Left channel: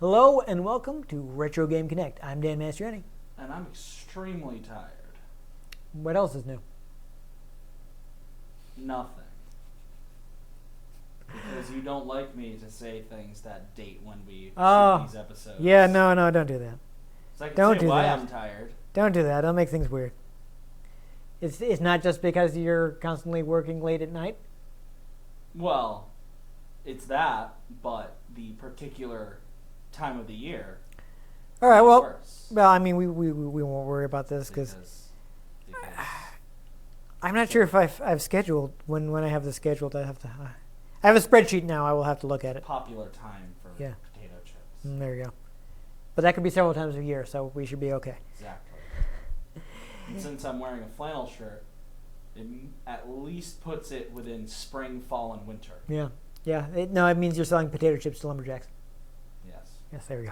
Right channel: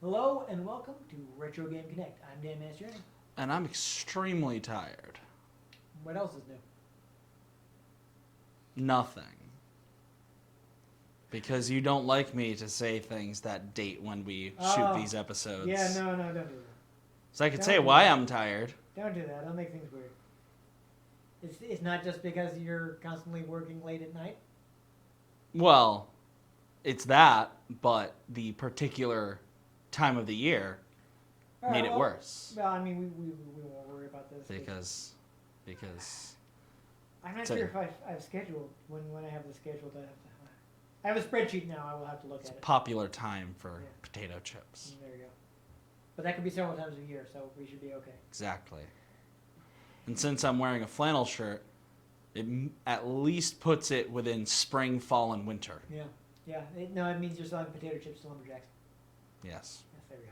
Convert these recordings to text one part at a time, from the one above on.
Hello and welcome to Retro Game Connect. I'm Dan Mastriani. And I'm extremely tired. What else is new? Nothing. Because you don't like me to say things that date when we shoot these episodes. Yeah, no, don't do that. So I can say why I'm tired. Don't do that. Don't make things weird. It's not just because you're constantly working late at night? Well, it's that, but the particular time of the year all right, well, worse. Well, I mean, we won't worry about this because I'm not sure if I've scheduled when I have this scheduled. I have a spreadsheet now. I will have to look at it. Popular time for potato chips. There you go. But that could be several times a year, so we should be okay. Exactly. And since I'm wearing a flannel shirt, it at least puts it within spring, fall, and winter. Yeah. It means you're selling potato chips to lumberjacks. Yes. Yes, there we go.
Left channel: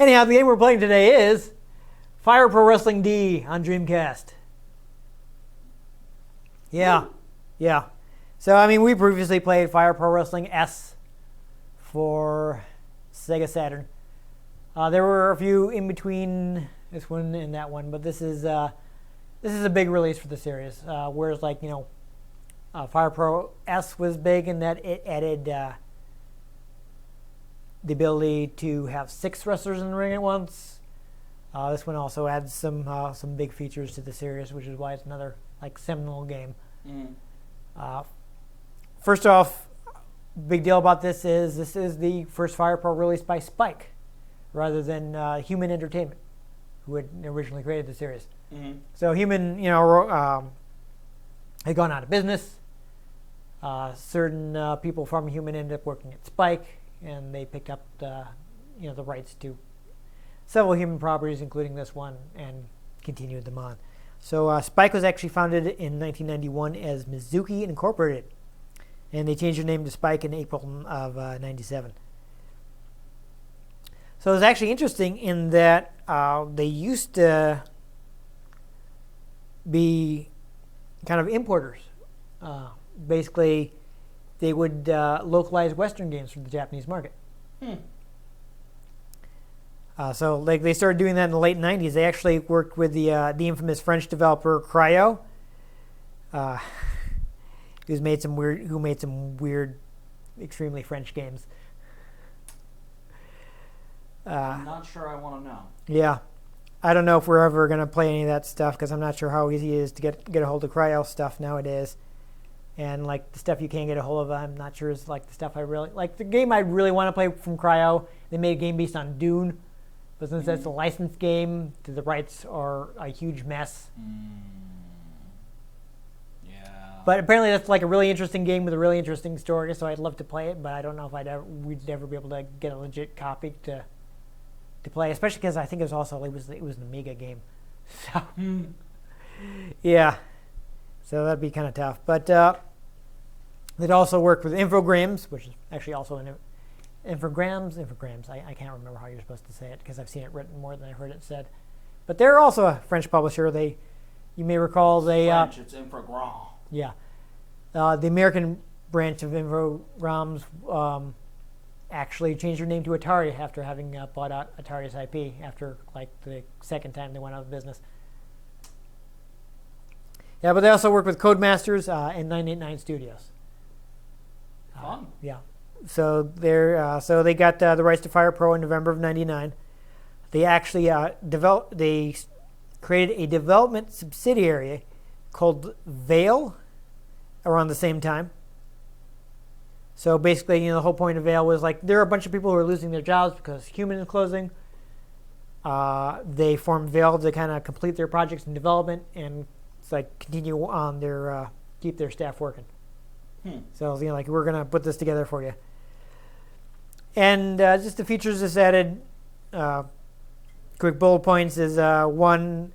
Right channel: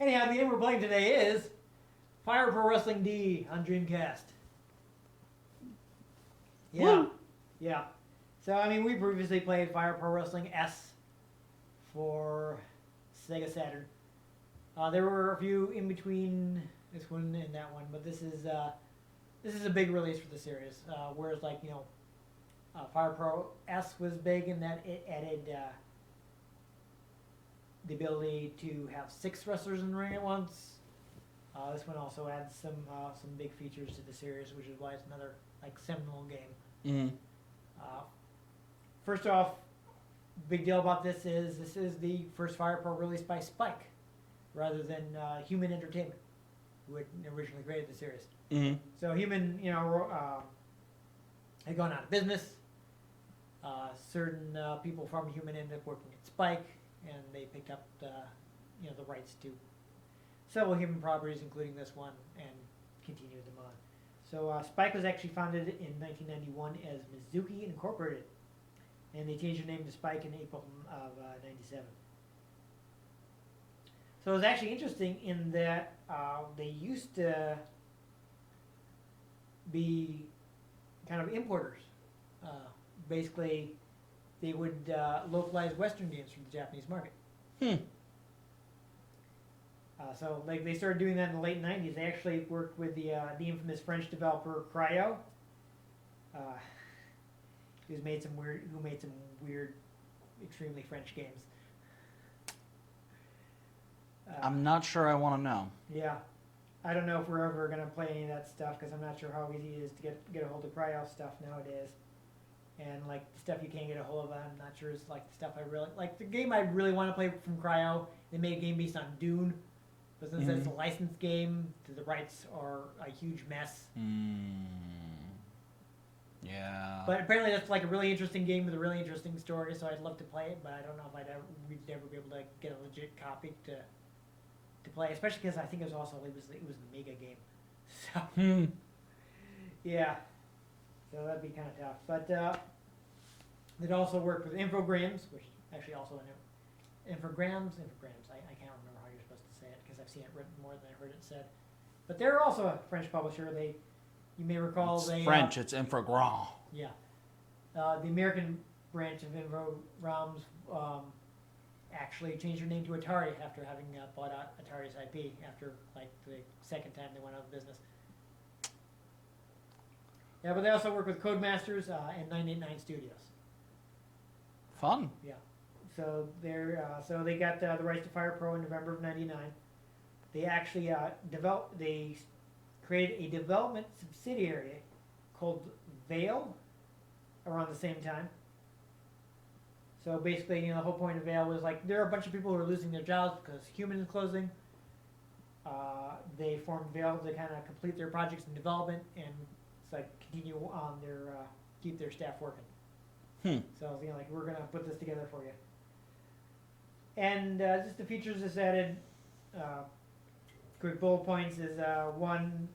Anyhow, the game we're playing today is Fire Pro Wrestling D on Dreamcast. Yeah. Woo. Yeah. So, I mean, we previously played Fire Pro Wrestling S for Sega Saturn. There were a few in between this one and that one, but this is a big release for the series. Whereas, Fire Pro S was big in that it added the ability to have 6 wrestlers in the ring at once. This one also adds some big features to the series, which is why it's another seminal game. Mm-hmm. First off, big deal about this is the first Fire Pro released by Spike, rather than Human Entertainment, who had originally created the series. Mm-hmm. So Human, had gone out of business. Certain people from Human ended up working at Spike, and they picked up the rights to several Human properties, including this one, and continued them on. So Spike was actually founded in 1991 as Mizuki Incorporated, and they changed their name to Spike in April of '97. So it was actually interesting in that they used to be kind of importers. Basically, they would localize Western games for the Japanese market. So they started doing that in the late 90s. They actually worked with the infamous French developer Cryo, who made some weird, extremely French games. I'm not sure I want to know. Yeah. I don't know if we're ever going to play any of that stuff, because I'm not sure how easy it is to get a hold of Cryo stuff nowadays. And the stuff you can get a hold of, I'm not sure is the stuff I really like. The game I really want to play from Cryo, they made a game based on Dune, but since that's a licensed game, the rights are a huge mess. Yeah. But apparently that's a really interesting game with a really interesting story, so I'd love to play it, but I don't know if we'd ever be able to get a legit copy to play, especially because I think it was an Amiga game. So yeah. So that'd be kind of tough. But they'd also worked with Infogrames, which is actually also an Infogrames. I can't remember how you're supposed to say it, because I've seen it written more than I've heard it said. But they're also a French publisher. You may recall French, it's Infogrames. Yeah. The American branch of Infogrames actually changed their name to Atari after having bought out Atari's IP after the second time they went out of business. Yeah, but they also work with Codemasters and 989 Studios. Fun. Yeah. So they got the rights to Fire Pro in November of '99. They actually they created a development subsidiary called Veil around the same time. So basically, the whole point of Veil was there are a bunch of people who are losing their jobs because Human is closing. They formed Veil to kind of complete their projects in development and continue on keep their staff working. So we're gonna put this together for you. And just the features this added, quick bullet points is one.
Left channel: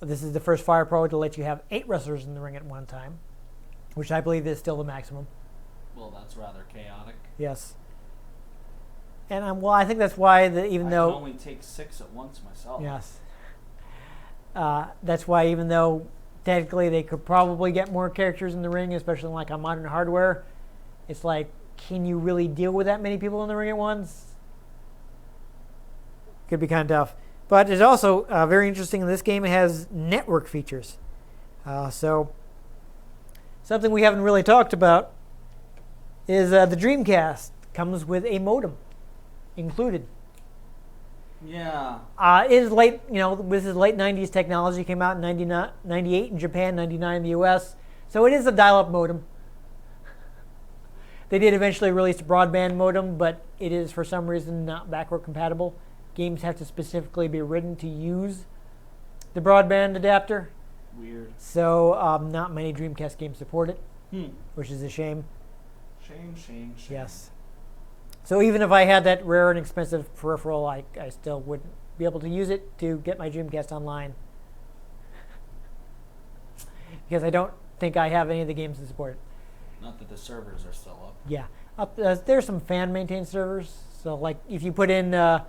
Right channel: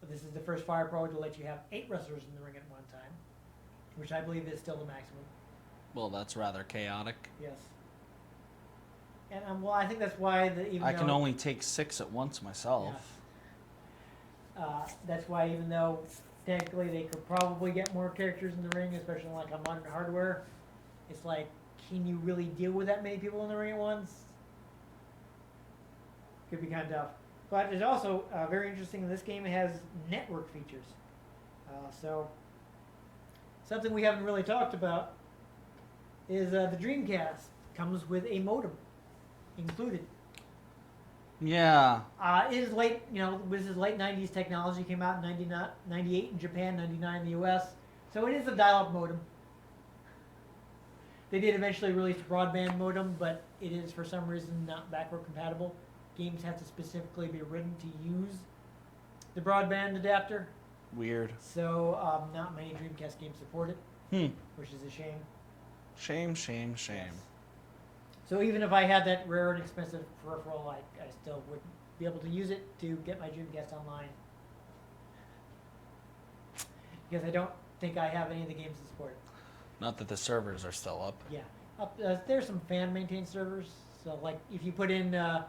This is the first Fire Pro to let you have 8 wrestlers in the ring at one time, which I believe is still the maximum. Well, that's rather chaotic. Yes. And I think that's why I can only take 6 at once myself. Yes. That's why even though technically they could probably get more characters in the ring, especially like on modern hardware. It's like, can you really deal with that many people in the ring at once? Could be kind of tough. But it's also very interesting. This game has network features. So something we haven't really talked about is the Dreamcast comes with a modem included. Yeah. It is late, this is late 90s technology. Came out in 98 in Japan, 99 in the US. So it is a dial-up modem. They did eventually release a broadband modem, but it is for some reason not backward compatible. Games have to specifically be written to use the broadband adapter. Weird. So not many Dreamcast games support it, which is a shame. Shame. Yes. So even if I had that rare and expensive peripheral, I still wouldn't be able to use it to get my Dreamcast online. Because I don't think I have any of the games to support it. Not that the servers are still up. Yeah. There's some fan-maintained servers. So like if you put in there's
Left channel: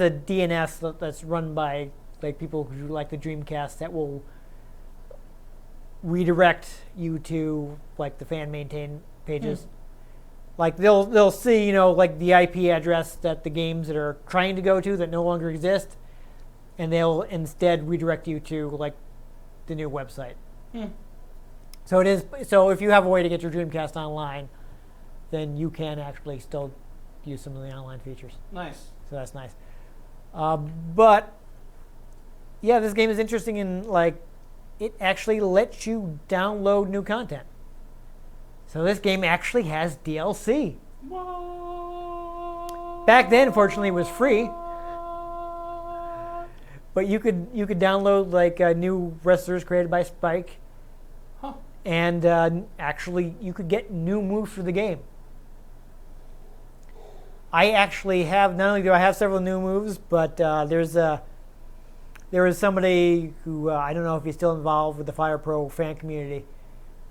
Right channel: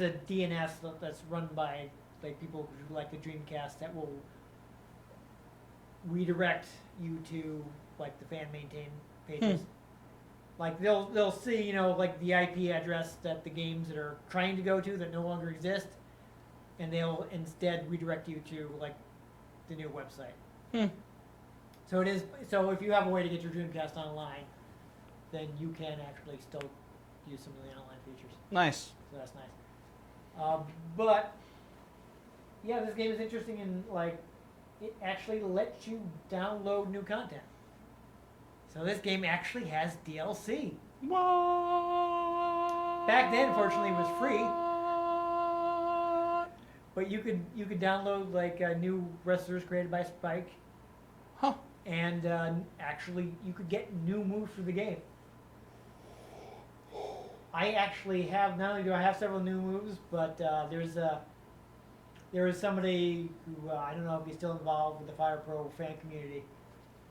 a DNS that's run by like people who like the Dreamcast that will redirect you to like the fan-maintained pages. Like they'll see, like the IP address that the games that are trying to go to that no longer exist, and they'll instead redirect you to like the new website. So it is. So if you have a way to get your Dreamcast online, then you can actually still use some of the online features. Nice. So that's nice. But yeah, this game is interesting in like it actually lets you download new content. So this game actually has DLC. What? Back then, fortunately, it was free. But you could download like new wrestlers created by Spike, and actually you could get new moves for the game. I actually have, not only do I have several new moves, but there was somebody who I don't know if he's still involved with the Fire Pro fan community,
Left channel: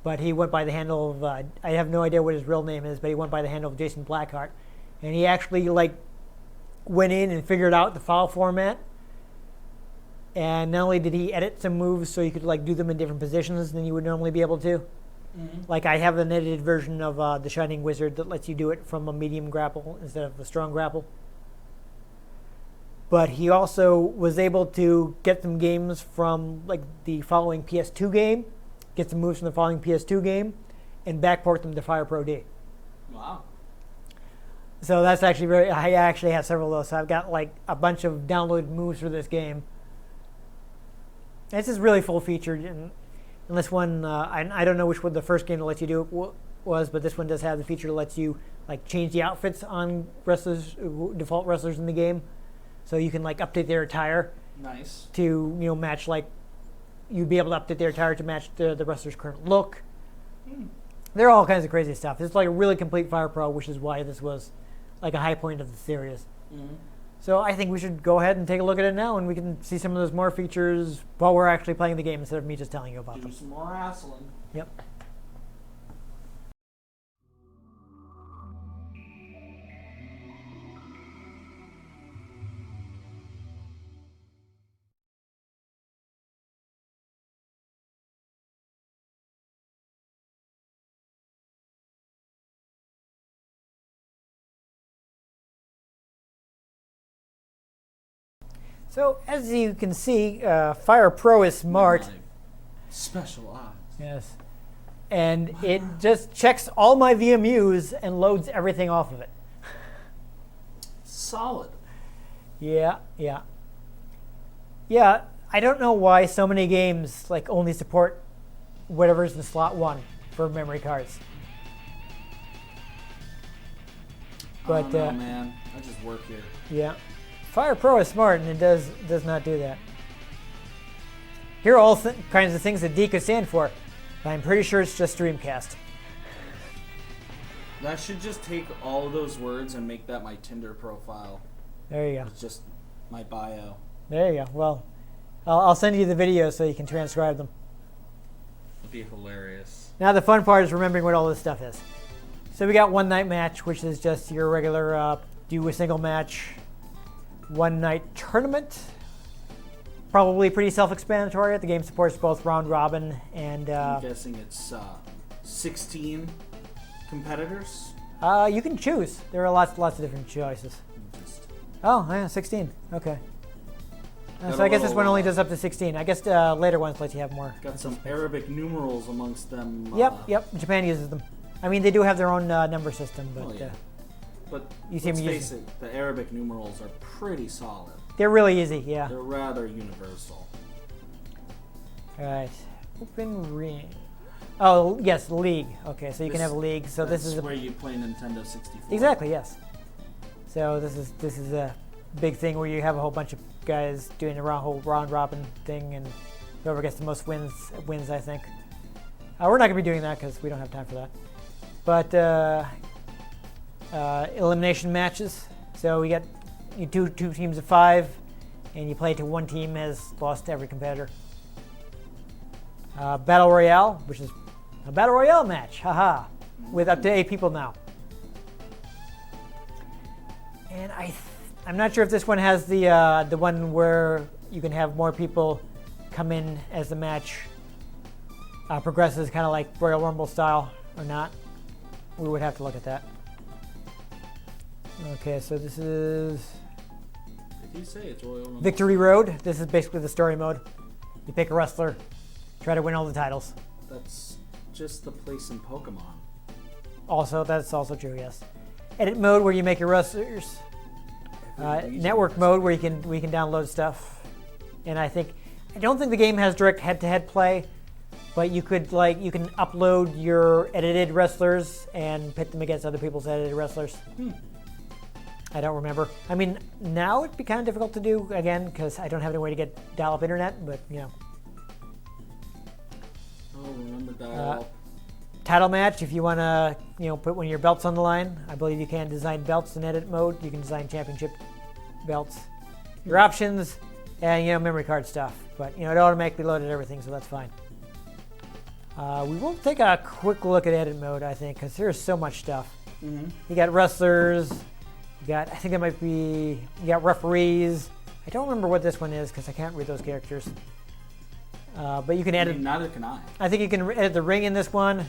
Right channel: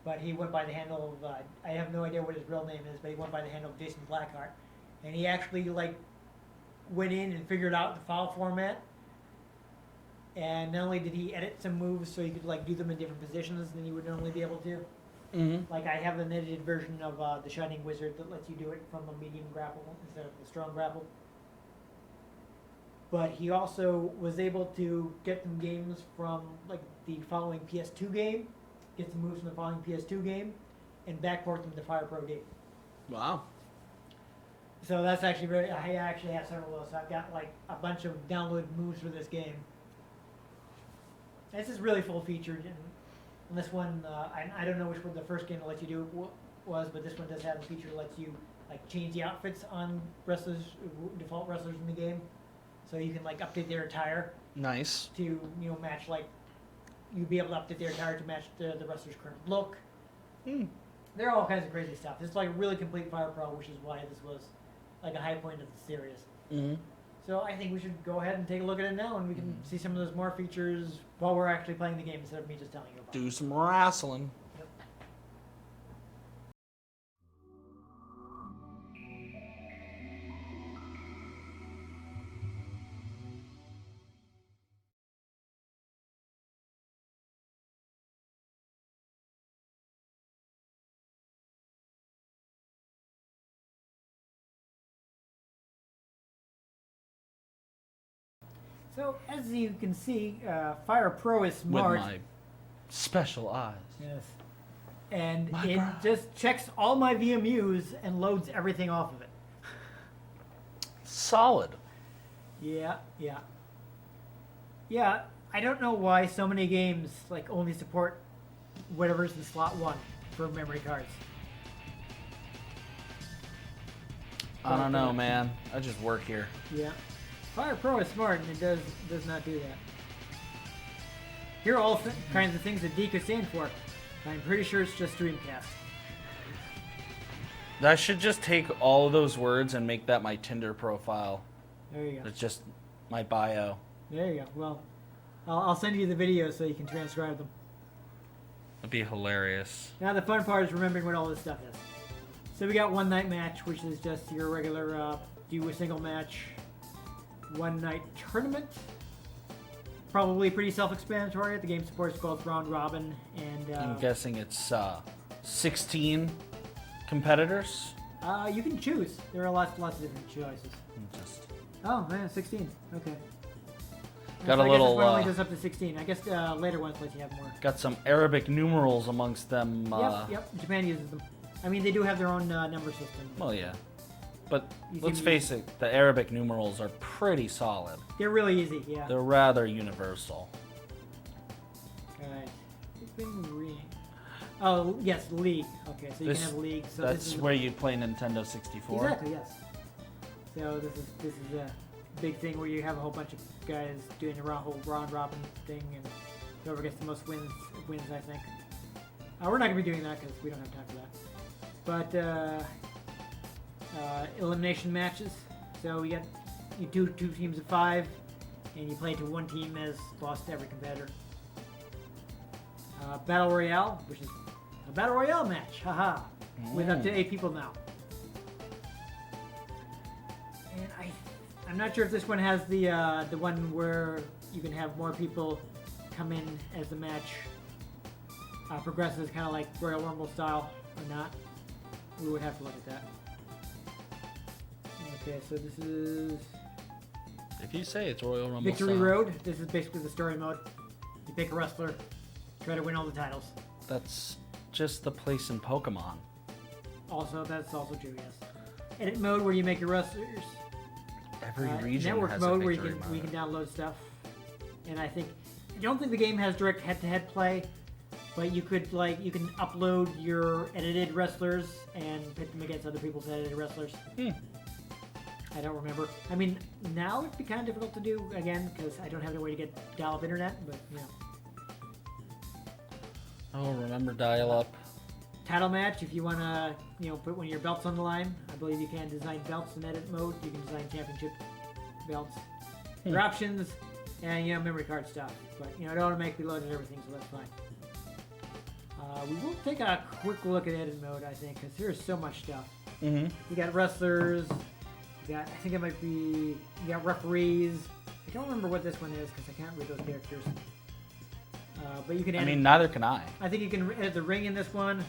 but he went by the handle of I have no idea what his real name is, but he went by the handle of Jason Blackheart, and he actually like went in and figured out the file format. And not only did he edit some moves so you could like do them in different positions than you would normally be able to. Like I have an edited version of the Shining Wizard that lets you do it from a medium grapple instead of the strong grapple. But he also was able to get some games from like the following PS2 game, get some moves from the following PS2 game, and backport them to Fire Pro D. Wow. So that's actually I actually have several of those. So I've got like a bunch of downloaded moves for this game. This is really full featured, and this one, I don't know which one the first game that lets you do it was, but this one does have the feature that lets you like change the outfits on wrestlers, default wrestlers in the game, so you can like update their attire. Nice. To match like you'd be able to update their attire to match the wrestler's current look. There are all kinds of crazy stuff. It's like a really complete Fire Pro, which is why this was like a high point of the series. So I think we should go ahead and take a look at it now, and we can see some of those more features while we're actually playing the game instead of me just telling you about them. Do some wrestling. Yep. So as you can see, Fire Pro is smart. With my special eyes. Yes. And it just checks all my VMUs and loads everything off of it. Solid. Yeah. I don't know why so many games like only support whatever's in slot 1 for memory cards. But, I don't know, man. I just work here. Yeah. Fire Pro is smart, and it does not do that. Here are all kinds of things that D could stand for, but I'm pretty sure it's just Dreamcast. I should just take all of those words and make that my Tinder profile. There you go. It's just my bio. There you go. Well, I'll send you the video so you can transcribe them. It'd be hilarious. Now the fun part is remembering what all this stuff is. So we got One Night Match, which is just your regular do a single match, one night tournament. probably pretty self-explanatory. The game supports both round robin and. I'm guessing it's 16 competitors. You can choose. There are lots of different choices. Oh, yeah, 16. Okay. So I guess this one only does up to 16. I guess later ones let you have more. Got some Arabic numerals amongst them. Yep. Japan uses them. I mean, they do have their own number system. But, Well, yeah. But You let's seem face it, the Arabic numerals are pretty solid. they're really easy, yeah. They're rather universal. Alright. Open ring. Oh, yes, league. Okay, so you can have a league. So That's this is where you play Nintendo 64. exactly, yes. So this is a big thing where you have a whole bunch of guys doing the whole round robin thing, and whoever gets the most wins, I think. We're not gonna be doing that because we don't have time for that. But elimination matches. So we got you two teams of 5, and you play to one team has lost to every competitor. Battle Royale, which is a Battle Royale match, haha, with up to 8 people now. And I'm not sure if this one has the one where you can have more people come in as the match progresses, kind of like Royal Rumble style, or not. We would have to look at that. Okay, so this is If you say it's Royal Rumble. Victory Road. This is basically the story mode. You pick a wrestler, try to win all the titles. That's just the place in Pokemon. That's also true, yes. Edit mode where you make your wrestlers. Every region Network has mode a where victory we mode. can download stuff. And I don't think the game has direct head-to-head play, but you can upload your edited wrestlers and pit them against other people's edited wrestlers. I don't remember. I mean, now it'd be kind of difficult to do again because I don't have any way to get dial-up internet, but you know. Oh, remember dial-up. Title match, if you want to, put one of your belts on the line. I believe you can design belts in edit mode. You can design championship belts. Your options, and memory card stuff. But it automatically loaded everything, so that's fine. We will take a quick look at edit mode, I think, because there's so much stuff. Mm-hmm. You got wrestlers. I think it might be. You got referees. I don't remember what this one is because I can't read those characters. But you can edit. I mean, neither can I. I think you can edit the ring in this one.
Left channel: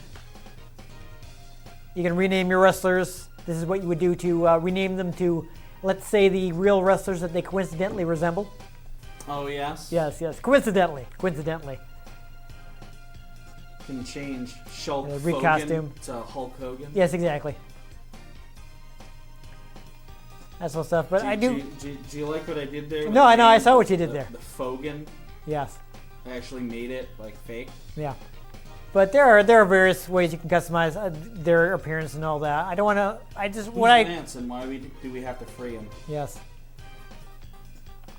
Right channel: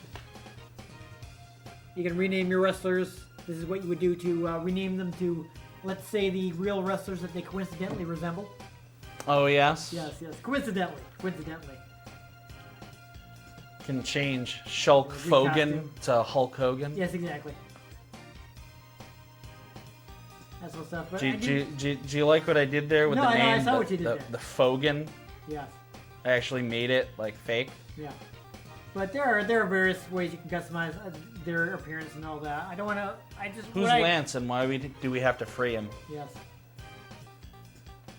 You can rename your wrestlers. This is what you would do to rename them to, let's say, the real wrestlers that they coincidentally resemble. Oh, yes? Yes. Coincidentally. Can change Shulk recostume. Hogan to Hulk Hogan. Yes, exactly. That's all stuff. But Do you like what I did there? With No, the I know. I name, saw what you did there. The Fogan. Yes. I actually made it like fake. Yeah. But there are various ways you can customize their appearance and all that. I don't want to. Who's Lance and why do we have to free him? Yes.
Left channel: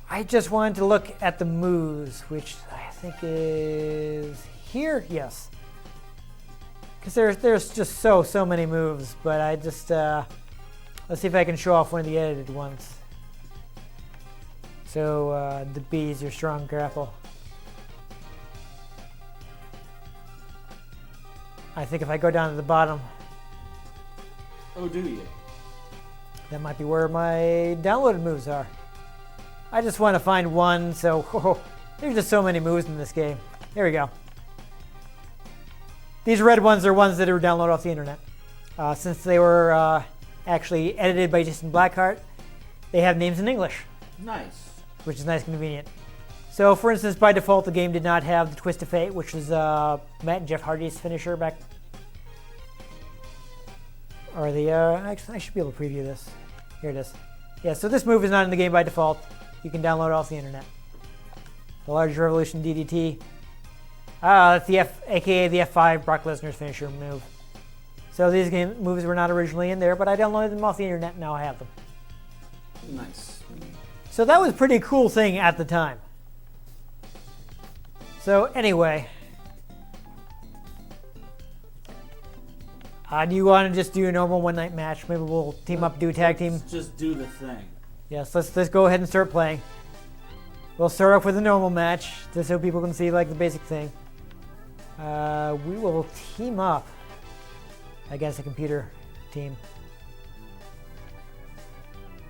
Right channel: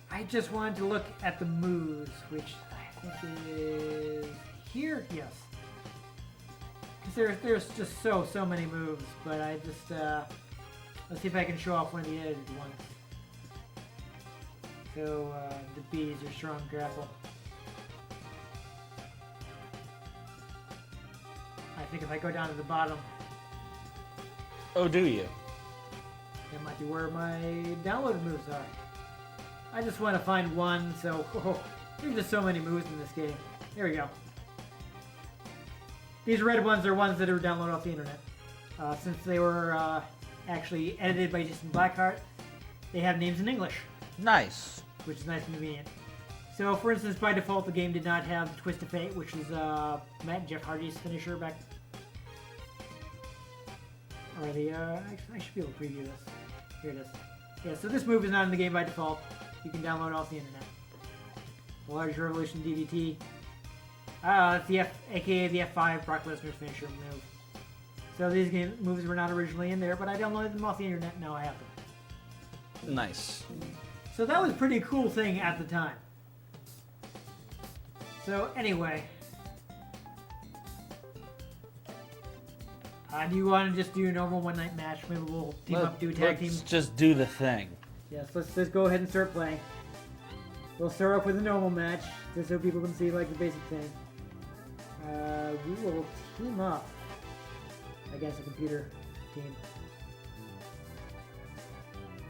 I just wanted to look at the moves, which I think is here. Yes. Because there's just so many moves, but I just let's see if I can show off one of the edited ones. So the B is your strong grapple. I think if I go down to the bottom, Oh, do you? that might be where my downloaded moves are. I just want to find one, so there's just so many moves in this game. Here we go. These red ones are ones that are downloaded off the internet. Since they were actually edited by Jason Blackheart, they have names in English, Nice. which is nice and convenient. So, for instance, by default, the game did not have the Twist of Fate, which was Matt and Jeff Hardy's finisher back. Or actually, I should be able to preview this. Here it is. Yeah, so this move is not in the game by default. You can download it off the internet. The Large Revolution DDT. That's the aka the F5 Brock Lesnar's finisher move. So these moves were not originally in there, but I downloaded them off the internet, and now I have them. Nice. So that was a pretty cool thing at the time. So anyway, do you want to just do a normal one-night match? Maybe we'll team up, do a tag team. Let's just do the thing. Yes, let's go ahead and start playing. We'll start off with a normal match, just so people can see like the basic thing. We will team up against a computer team.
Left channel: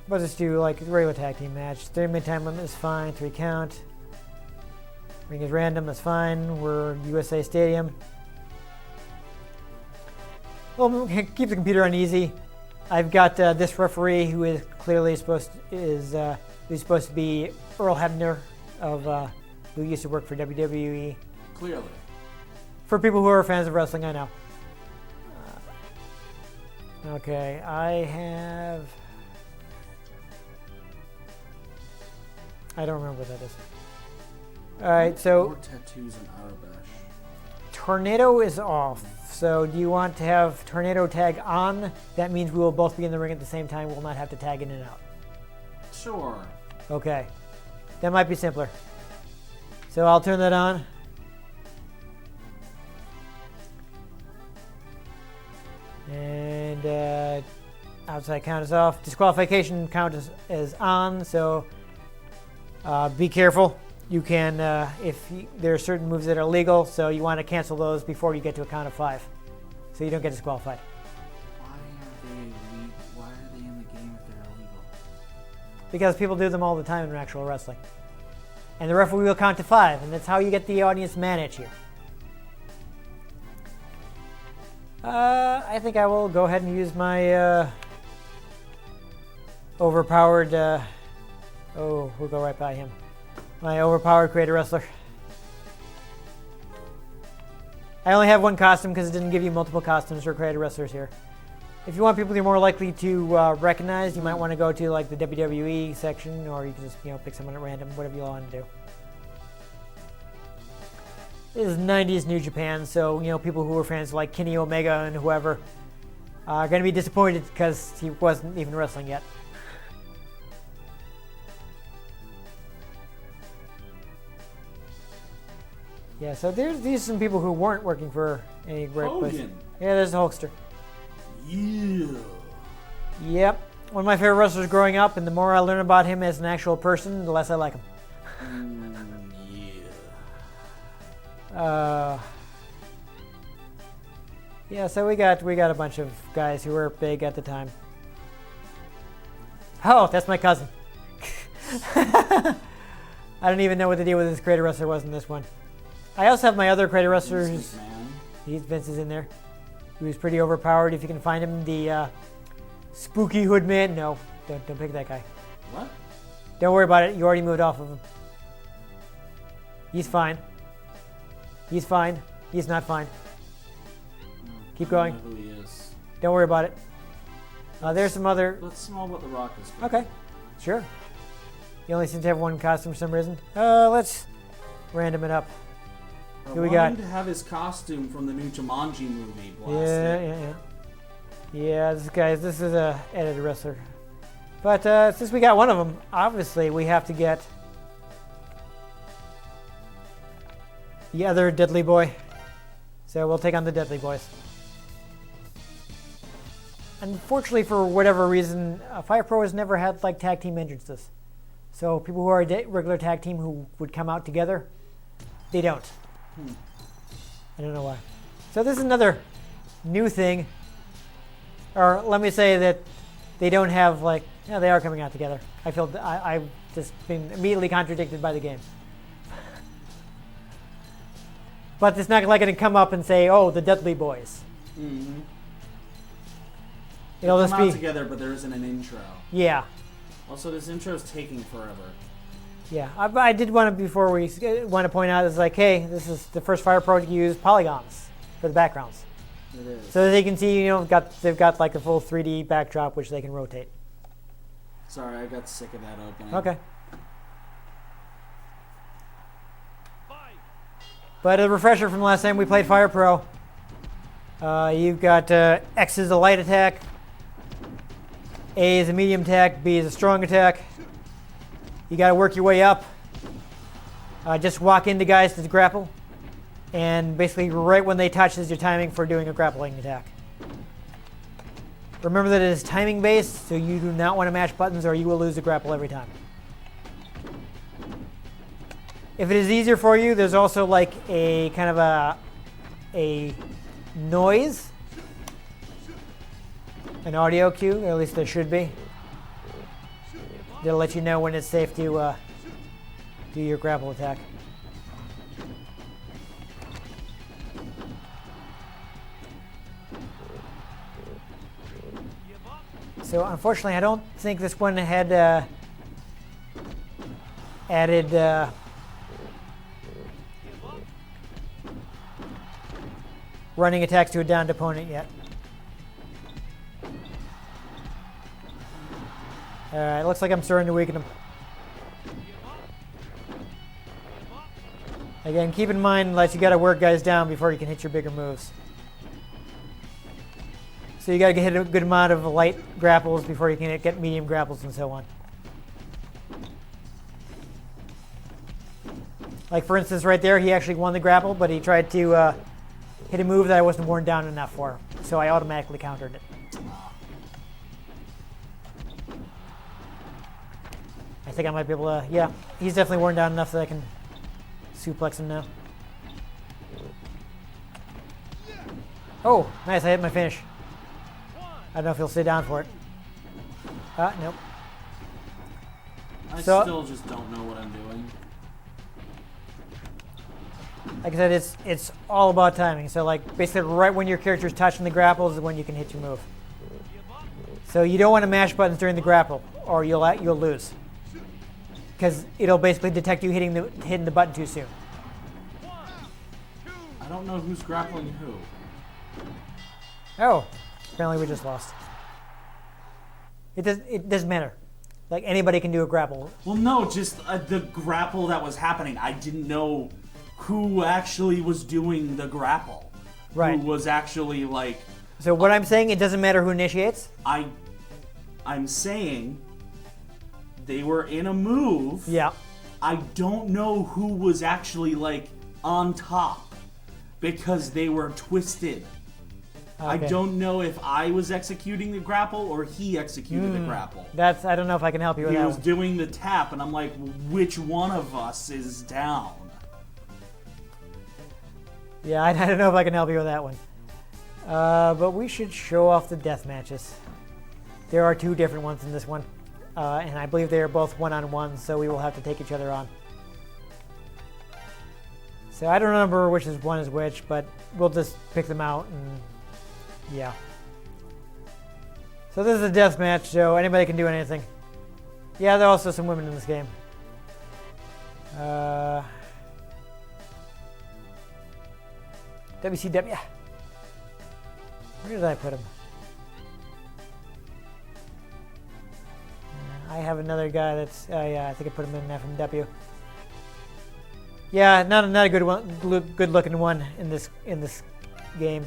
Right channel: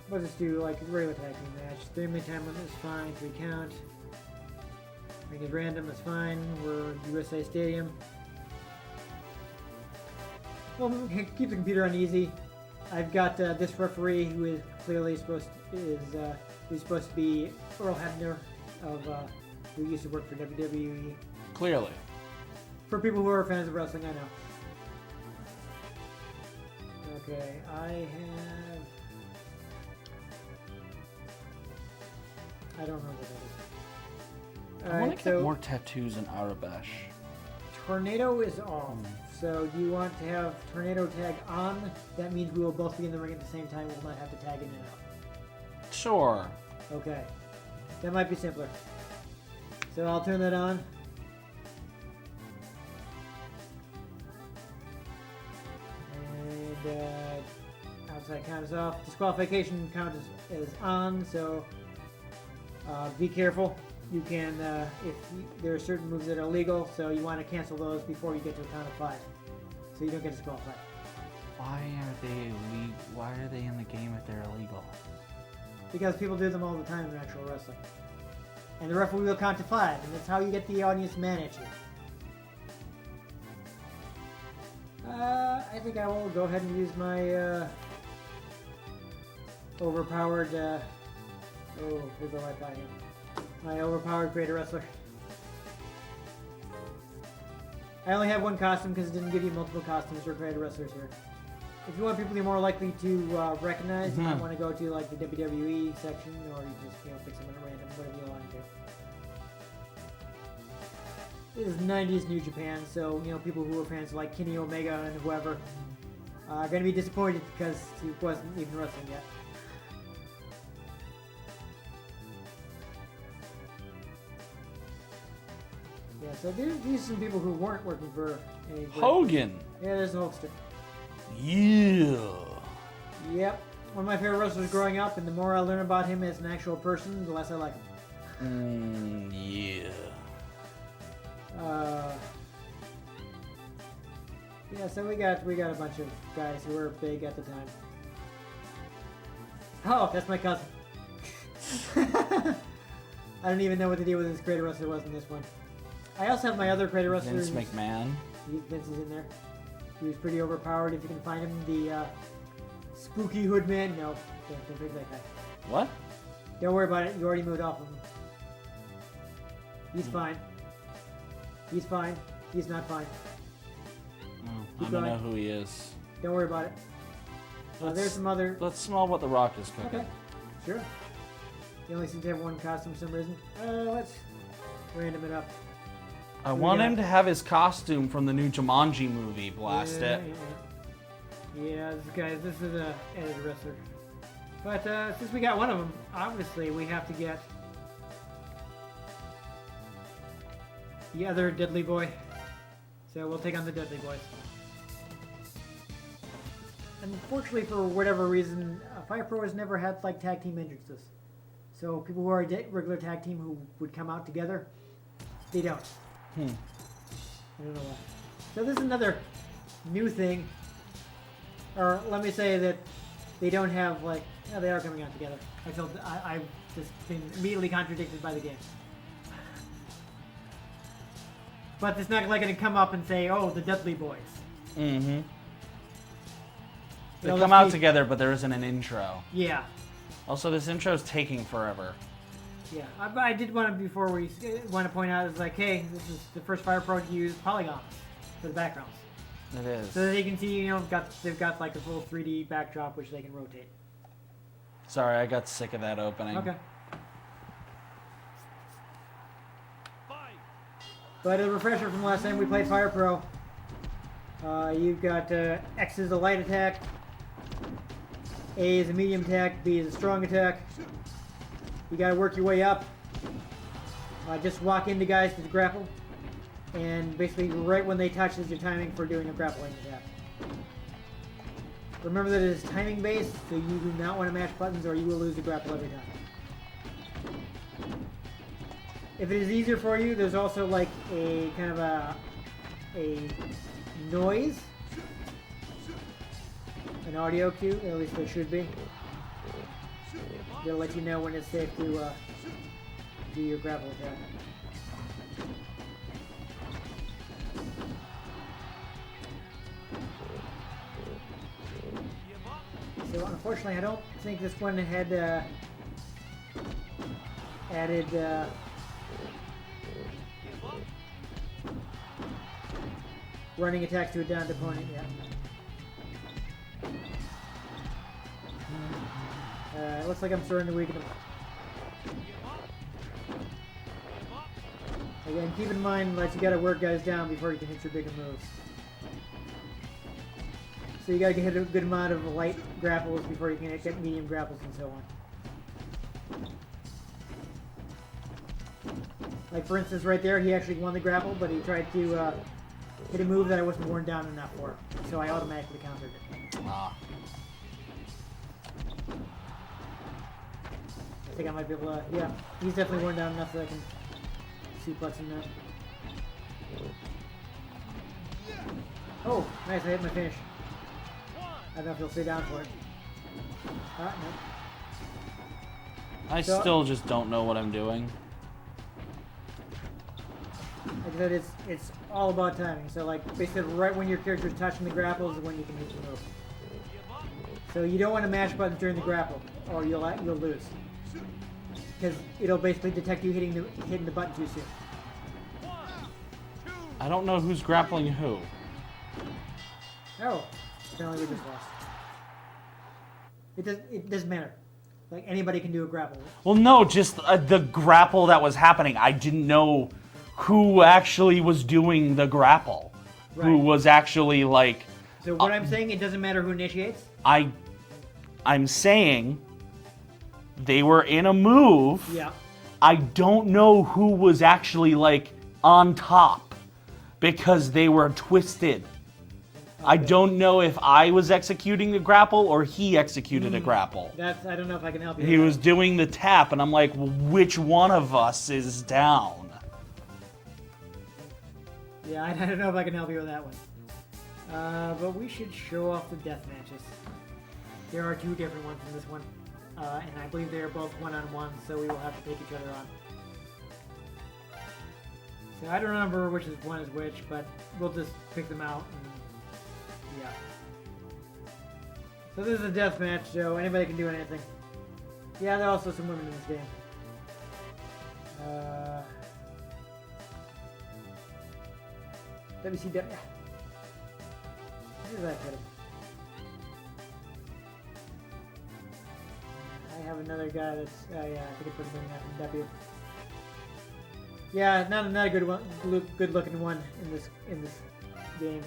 We'll just do like a regular tag team match. 3-minute time limit is fine. 3 count. Ring is random, that's fine. We're USA Stadium. Well, keep the computer on easy. I've got this referee who is clearly supposed to be Earl Hebner who used to work for WWE. Clearly. For people who are fans of wrestling, I know. Okay, I don't remember what that is. Alright, so more tattoos in Arabesh. Tornado is off. So do you want to have Tornado tag on? That means we will both be in the ring at the same time. We'll not have to tag in and out. Sure. Okay. That might be simpler. So I'll turn that on. And outside count is off. Disqualification count is on, so be careful. You can, there are certain moves that are illegal, so you want to cancel those before you get to a count of 5, so you don't get disqualified. Why are they in the game if they're illegal? Because people do them all the time in actual wrestling. And the referee will count to 5, and that's how you get the audience mad at you. I think I will go ahead and use my overpowered, we'll go right by him. My overpowered creator wrestler. I only have one costume because it didn't give you multiple costumes for creator wrestlers here. If you want people you're more likely to recognize, you might want to go to like the WWE section, or you can just pick someone at random, whatever you want to do. This is 90s New Japan, so people who are fans like Kenny Omega and whoever are going to be disappointed because he wasn't even wrestling yet. Yeah, so these are some people who weren't working for any great Hogan. place. Yeah, there's the Hulkster. Yeah. Yep. One of my favorite wrestlers growing up, and the more I learn about him as an actual person, the less I like him. Yeah, so we got a bunch of guys who were big at the time. Oh, that's my cousin. I don't even know what the deal with this creator wrestler was in this one. I also have my other creator wrestler. Vince McMahon. Vince is in there. He was pretty overpowered. If you can find him, the spooky hoodman. No, don't pick that guy. What? Don't worry about it. You already moved off of him. He's fine. He's fine. He's not fine. Keep going. I don't know who he is. Don't worry about it. There's some other. Let's smell what the Rock is doing. Okay, sure. You only seem to have one costume for some reason. Let's random it up. I Who we want got? him to have his costume from the new Jumanji movie. Blast it. Yeah, this is a edited wrestler. But since we got one of them, obviously we have to get the other Deadly Boy. So we'll take on the Deadly Boys. Unfortunately, for whatever reason, Fire Pro has never had like tag team entrances. So people who are a regular tag team who would come out together, they don't. I don't know why. So this is another new thing. Or let me say that they don't have like, yeah, they are coming out together. I feel I've just been immediately contradicted by the game. But it's not like going to come up and say, oh, the Deadly Boys. Mm-hmm. They It'll come just out be- together, but there isn't an intro. Yeah. Also, this intro is taking forever. Yeah, I did want to, before we want to point out, is like, hey, this is the first Fire Pro to use polygons for the backgrounds. It is. So that they can see, they've got like a full 3D backdrop which they can rotate. Sorry, I got sick of that opening. Okay. But a refresher from last time we played Fire Pro. You've got X is a light attack, A is a medium attack, B is a strong attack. You got to work your way up. Just walk into guys to grapple, and basically right when they touch is your timing for doing a grappling attack. Remember that it is timing based, so you do not want to mash buttons or you will lose the grapple every time. If it is easier for you, there's also like a kind of a noise, an audio cue, or at least there should be. They'll let you know when it's safe to do your grapple attack. So unfortunately, I don't think this one had added running attacks to a downed opponent yet. Alright, looks like I'm starting to weaken him. Again, keep in mind that you gotta work guys down before you can hit your bigger moves. So you gotta hit a good amount of light grapples before you can get medium grapples and so on. Like for instance right there, he actually won the grapple, but he tried to hit a move that I wasn't worn down enough for. So I automatically countered it. I think I might be able to, yeah, he's definitely worn down enough that I can suplex him now. Oh, nice, I hit my finish. I don't know if he'll stay down for it. Nope. I still just don't know what I'm doing. Like I said, it's all about timing. So like basically right when your character's touching the grapple is when you can hit your move. So you don't want to mash buttons during the grapple or you'll lose. Because it'll basically detect you hitting the button too soon. I don't know who's grappling who. Oh, apparently we just lost. It doesn't matter. Like anybody can do a grapple. Well, no, just the grapple that was happening. I didn't know who actually was doing the grapple. Right. Who was actually like. So what I'm saying, it doesn't matter who initiates. I'm saying they were in a move. Yeah. I don't know who was actually like on top because they were twisted. Okay. I don't know if I was executing the grapple or he executed the grapple. I don't know if I can help you with He that was one. doing the tap, and I'm like, well, which one of us is down? Yeah, I don't know if I can help you with that one. But we should show off the death matches. There are 2 different ones in this one. And I believe they are both one-on-one, so we will have to take each other on. So I don't remember which one is which, but we'll just pick them out and yeah. So this is a death match, so anybody can do anything. Yeah, there are also some women in this game. WCW. Where did I put him? I have another guy that's. Oh yeah, I think I put him in FMW. Yeah, not a good one, good looking one in this game.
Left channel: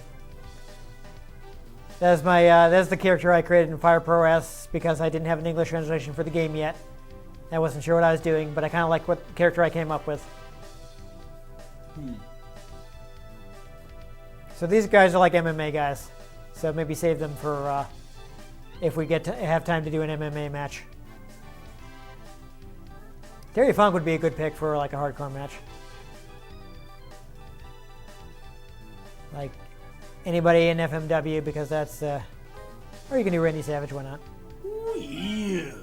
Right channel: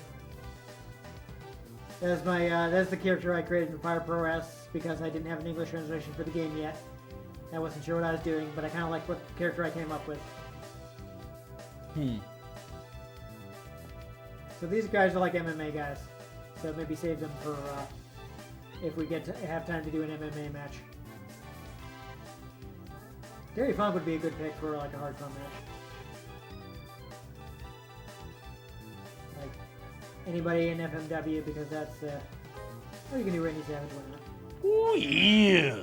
That's my that's the character I created in Fire Pro S because I didn't have an English translation for the game yet. I wasn't sure what I was doing, but I kind of liked what character I came up with. So these guys are like MMA guys, so maybe save them for if we get to have time to do an MMA match. Terry Funk would be a good pick for like a hardcore match. Like anybody in FMW because that's or you can do Randy Savage, why not? Ooh, yeah.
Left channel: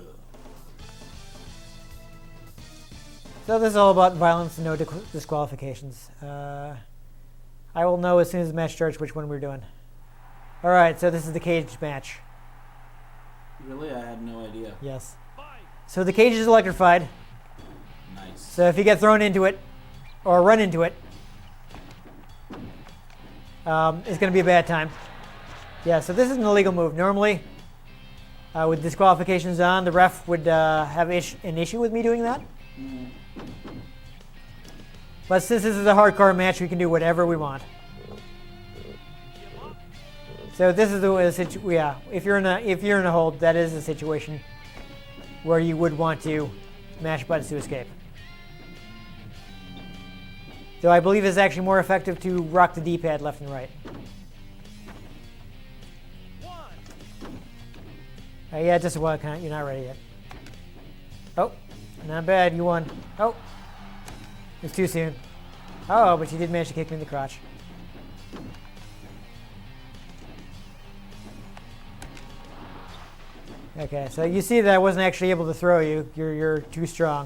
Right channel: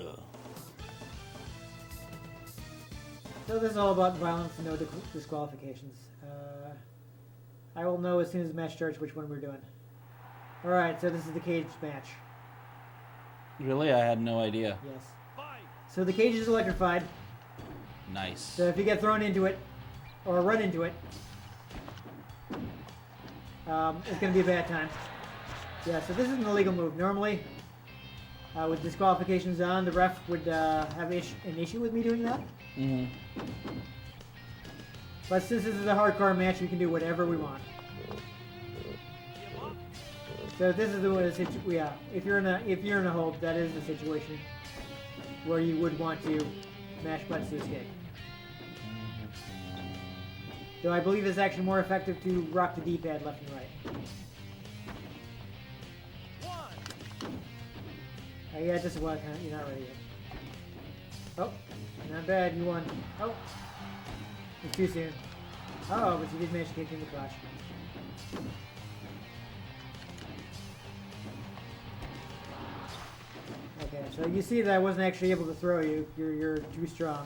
So this is all about violence and no disqualifications. I will know as soon as the match starts which one we're doing. Alright, so this is the cage match. Really? I had no idea. Yes. So the cage is electrified. Nice. So if you get thrown into it, or run into it, it's going to be a bad time. Yeah, so this is an illegal move. Normally, with disqualifications on, the ref would have an issue with me doing that. Mm-hmm. But since this is a hardcore match, we can do whatever we want. So this is yeah. If you're in a hold, that is a situation where you would want to mash buttons to escape. So I believe it's actually more effective to rock the D-pad left and right. Yeah, just a while, you're not ready yet. Oh, not bad, you won. Oh, it's too soon. Oh, but you did manage to kick me in the crotch. Okay, so you see that I wasn't actually able to throw you. You're too strong.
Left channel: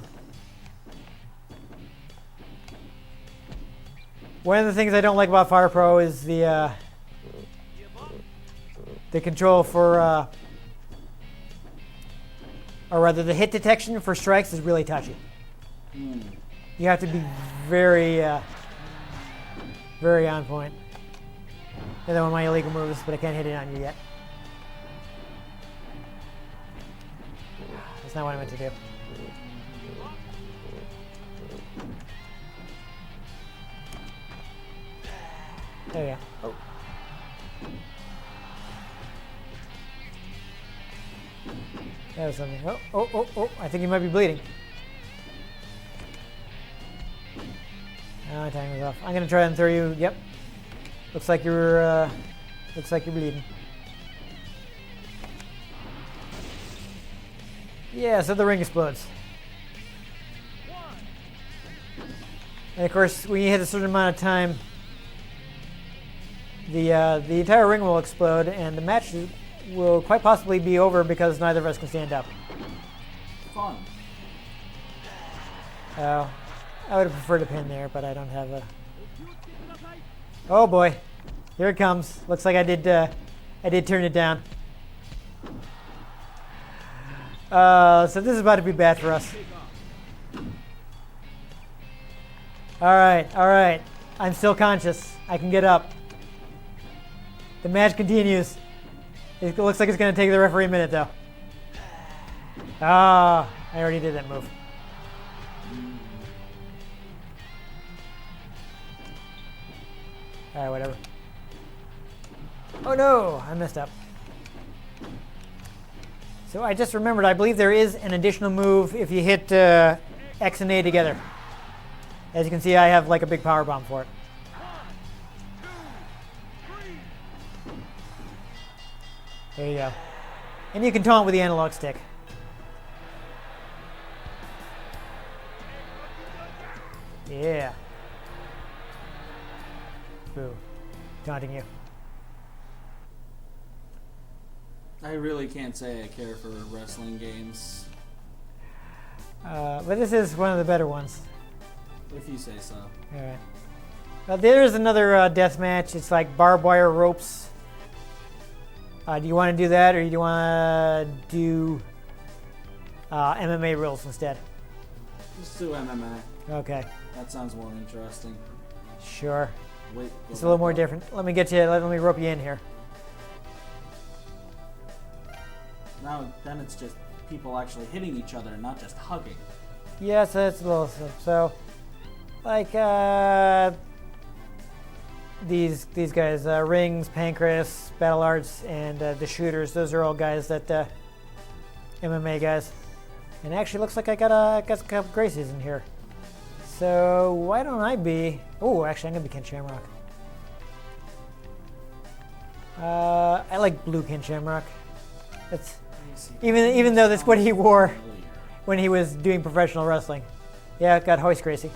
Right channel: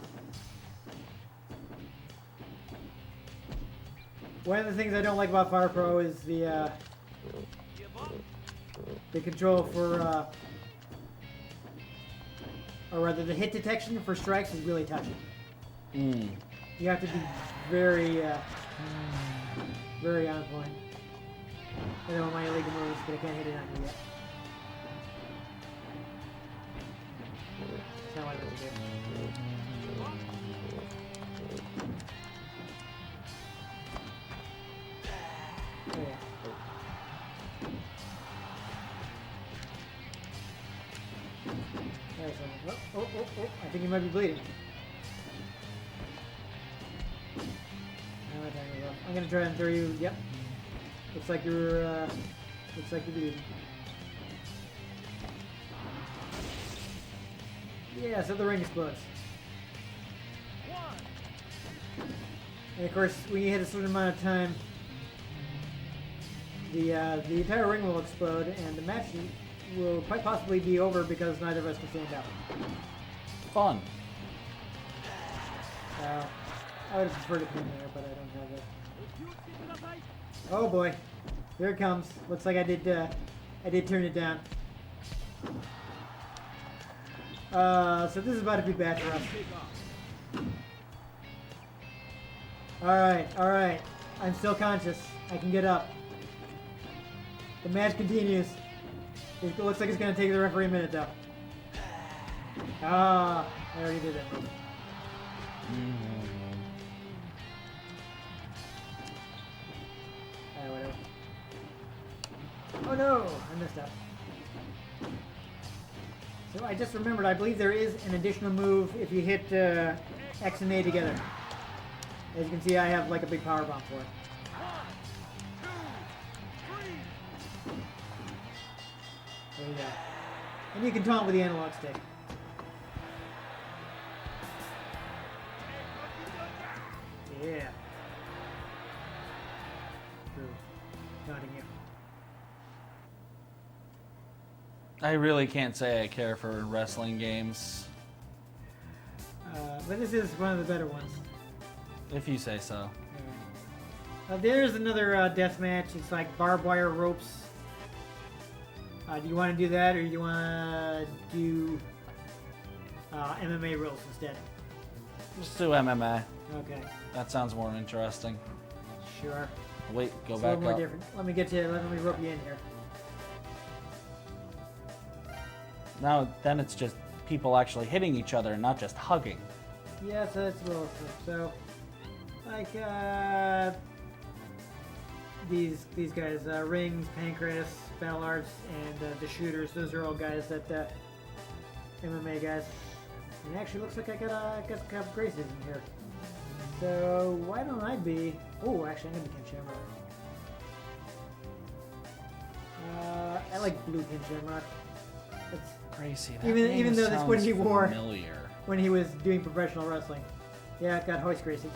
One of the things I don't like about Fire Pro is the control for or rather the hit detection for strikes is really touchy. Mm. You have to be very, very on point. Another one of my illegal moves, but I can't hit it on you yet. That's not what I meant to do. There you go. There's something. Oh, I think you might be bleeding. No, time is off. I'm gonna try and throw you. Yep. Looks like you're bleeding. Yeah, so the ring explodes. And of course, when you hit a certain amount of time, the entire ring will explode, and the match will quite possibly be over because neither of us can stand up. Fun. So, I would have preferred a pin there, but I don't have a. Oh boy, here it comes. Looks like I did turn it down. So this is about to be bad for us. All right. I'm still conscious. I can get up. The match continues. It looks like it's going to take the referee a minute, though. Ah, I already did that move. All right, whatever. Oh no, I messed up. So I just remembered, I believe there is an additional move if you hit X and A together. As you can see, I have like a big power bomb for it. There you go. And you can taunt with the analog stick. Yeah. True. Taunting you. I really can't say I care for wrestling games. But this is one of the better ones. If you say so. Alright. There's another death match. It's like barbed wire ropes. Do you want to do that, or do you want to do MMA rules instead? Just do MMA. Okay. That sounds more interesting. Sure. Wait, go It's back a little more up. different. Let me rope you in here. Now, then it's just people actually hitting each other, not just hugging. Yes, that's a little so. Like these guys, Rings, Pancreas, Battle Arts, and the Shooters. Those are all guys that MMA guys. And it actually looks like I got a couple Gracies in here. So why don't I be? Oh, actually, I'm gonna be Ken Shamrock. I like blue Ken Shamrock. That's Crazy. even though that's what he wore Familiar. when he was doing professional wrestling. Yeah, got Hoist Gracie.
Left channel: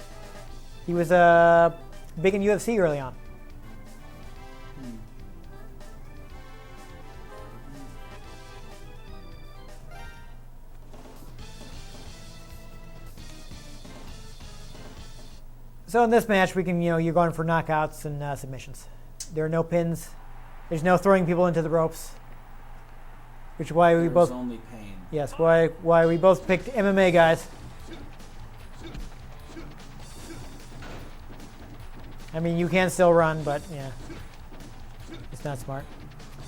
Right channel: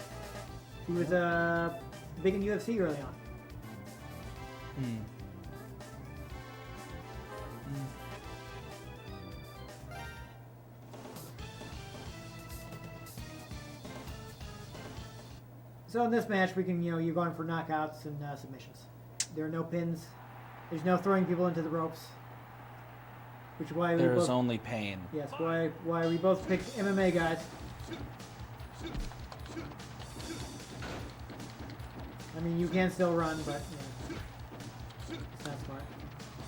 He was big in UFC early on. So in this match, we can, you're going for knockouts and submissions. There are no pins. There's no throwing people into the ropes. Which is why we There's both. only pain. Yes, why we both picked MMA guys. I mean, you can still run, but yeah, it's not smart.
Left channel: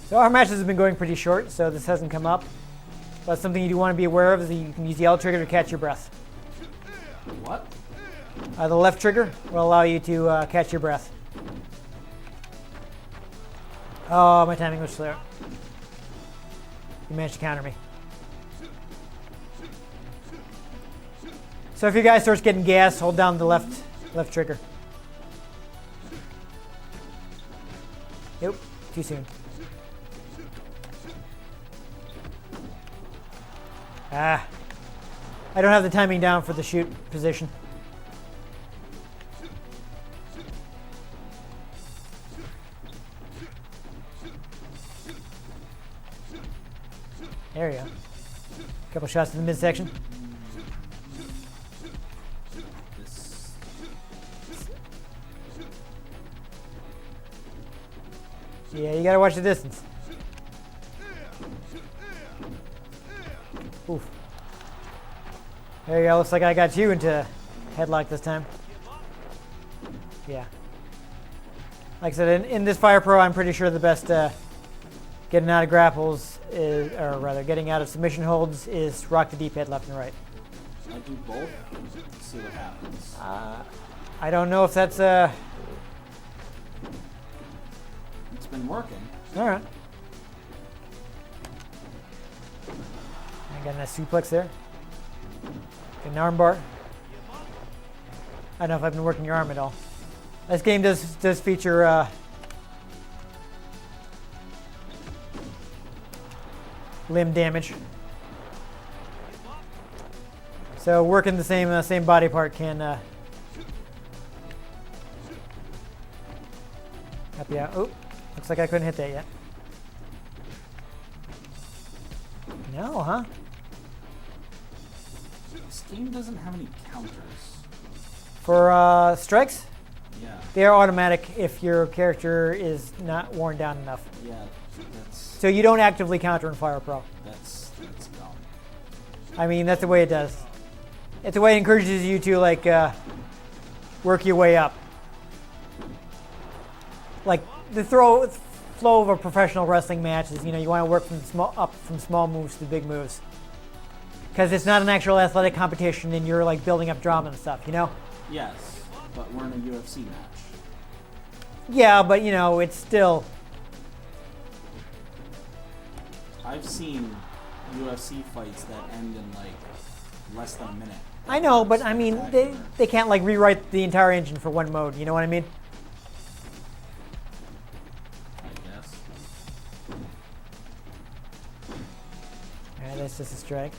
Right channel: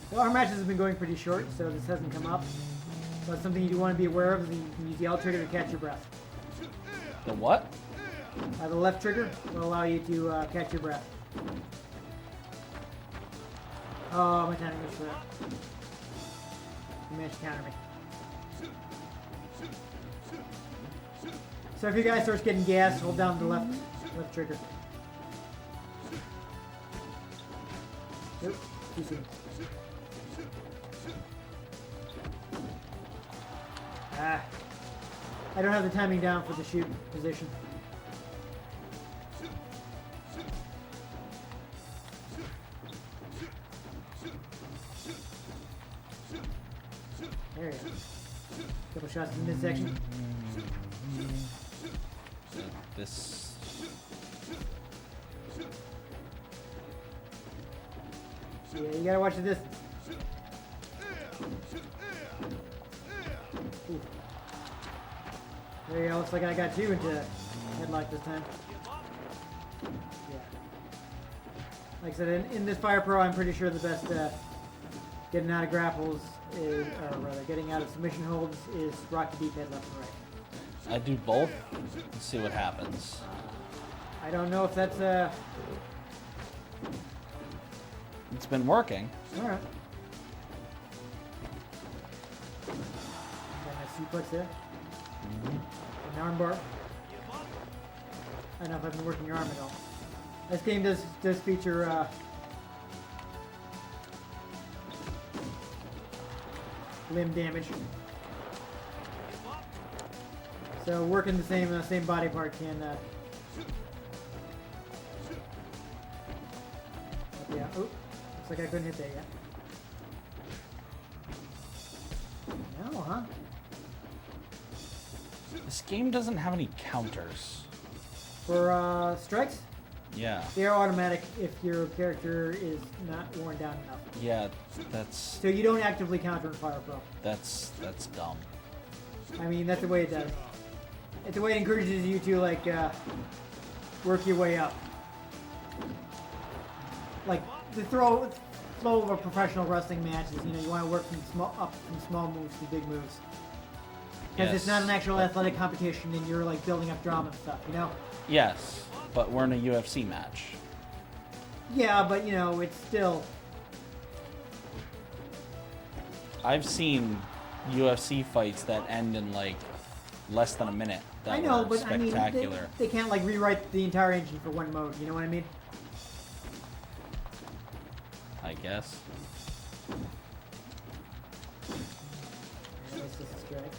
So our matches have been going pretty short, so this hasn't come up. But something you do want to be aware of is that you can use the L trigger to catch your breath. What? The left trigger will allow you to catch your breath. Oh, my timing was slow. You managed to counter me. So if your guy starts getting gas, hold down the left trigger. Nope, too soon. I don't have the timing down for the shoot position. There you go. Couple shots in the midsection. This. Yeah, you gotta watch the distance. Oof. There you go. Looks like I got you into headlock this time. Yeah. Like I said, in this Fire Pro, I'm pretty sure the best getting out of grapples is, or rather, getting out of submission holds is rock the D-pad left and right. I do both. Let's see what happens. I don't know if that's It's been working. all right. Got a nice suplex there. An arm bar. I don't know if I've been working your arm at all. This game does feature limb damage. So working the same body part can help you out. Oh, looks like I couldn't hit that yet. No, huh? This game doesn't have any counters. For strikes, Yeah. they are automatic if your character is not worn down enough. Yeah, that's So you don't actively counter in Fire Pro. that's dumb. I mean, that's the way it does. It's the way it encourages you to like work your way up. Like the flow of a professional wrestling match is, you want to work from small moves to big moves. Because it's not an actual athletic competition, and you're like building up drama and stuff. Yes, but we're in a UFC match. Yeah, but it's still. I've seen UFC fights that end in like less than a minute. I know, That but were I mean, spectacular. they can't like rewrite the entire engine for one mode. You know what I mean? I guess. Yeah, that's just a strike.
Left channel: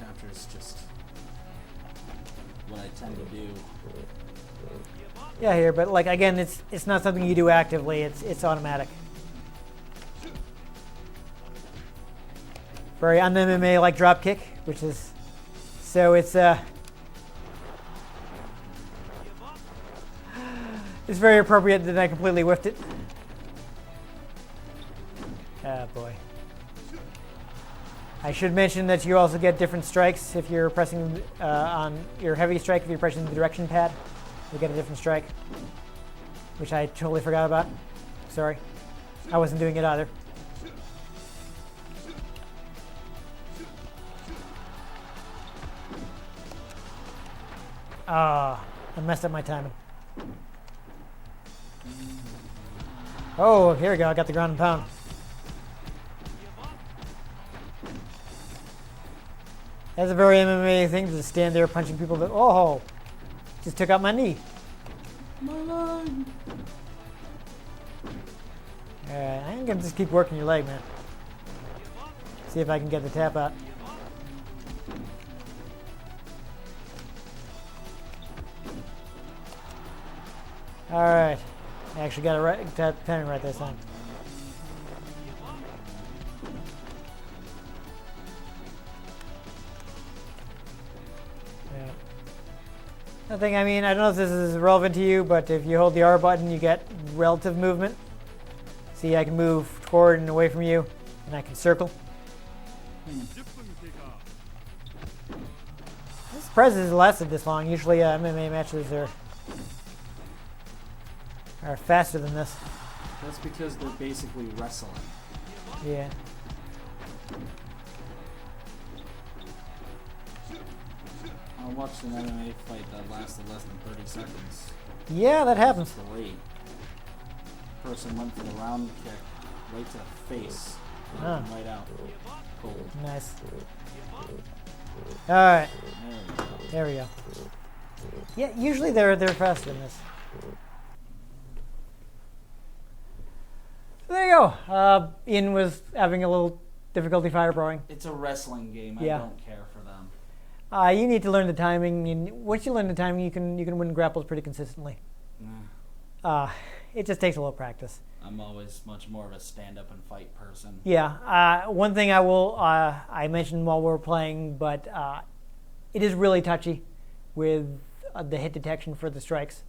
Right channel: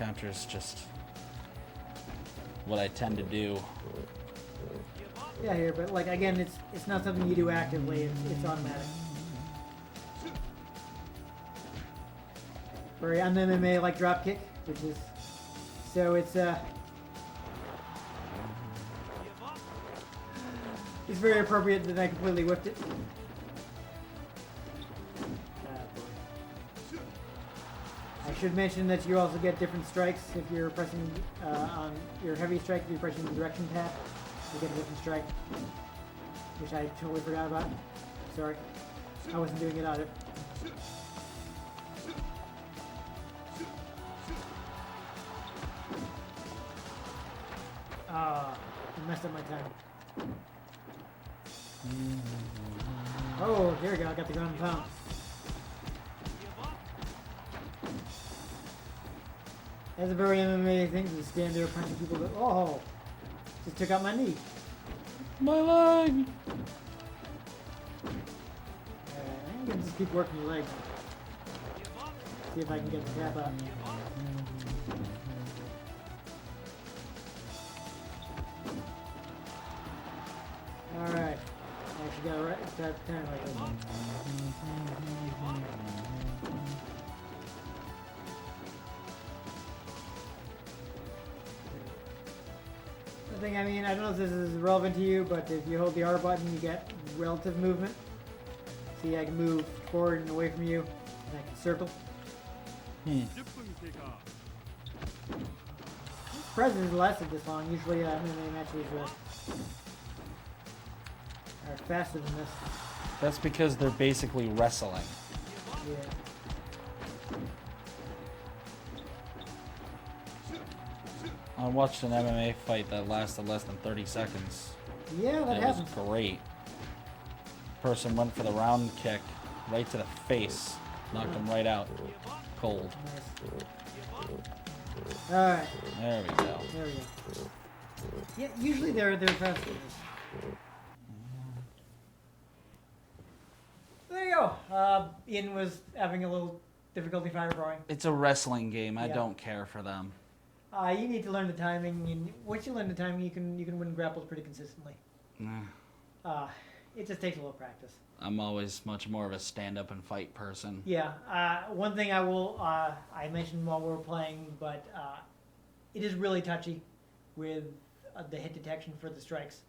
Counter's just what I tend to do. Yeah, here, but like again, it's not something you do actively. It's automatic. Very on the MMA like drop kick, which is so it's very appropriate that I completely whiffed it. Ah boy. I should mention that you also get different strikes if you're pressing on your heavy strike. If you're pressing the direction pad, you get a different strike, which I totally forgot about. Sorry, I wasn't doing it either. Ah, I messed up my timing. Oh, here we go. I got the ground and pound. That's a very MMA thing to stand there punching people. But oh, just took out my knee. My leg. Alright, I'm gonna just keep working your leg, man. See if I can get the tap out. Alright. I actually got a pen right this time. Nothing, I mean, I don't know if this is relevant to you, but if you hold the R button, you get relative movement. See, I can move forward and away from you, and I can circle. Surprised it lasted this long. Usually MMA matches are faster than this. That's because they're basically wrestling. Yeah. I watched an MMA fight that lasted less than 30 seconds. Yeah, that happens. Great. Person went for the round kick right to the face. Knocked him right out. Cold. Nice. Alright, There we go. there we go. Yeah, usually they're faster than this. There you go. Ian was having a little difficulty fire throwing. It's a wrestling game. I Yeah. don't care for them. You need to learn the timing. Once you learn the timing, you can win grapples pretty consistently. It just takes a little practice. I'm always much more of a stand-up and fight person. Yeah. One thing I mentioned while we were playing, but it is really touchy with the hit detection for the strikes.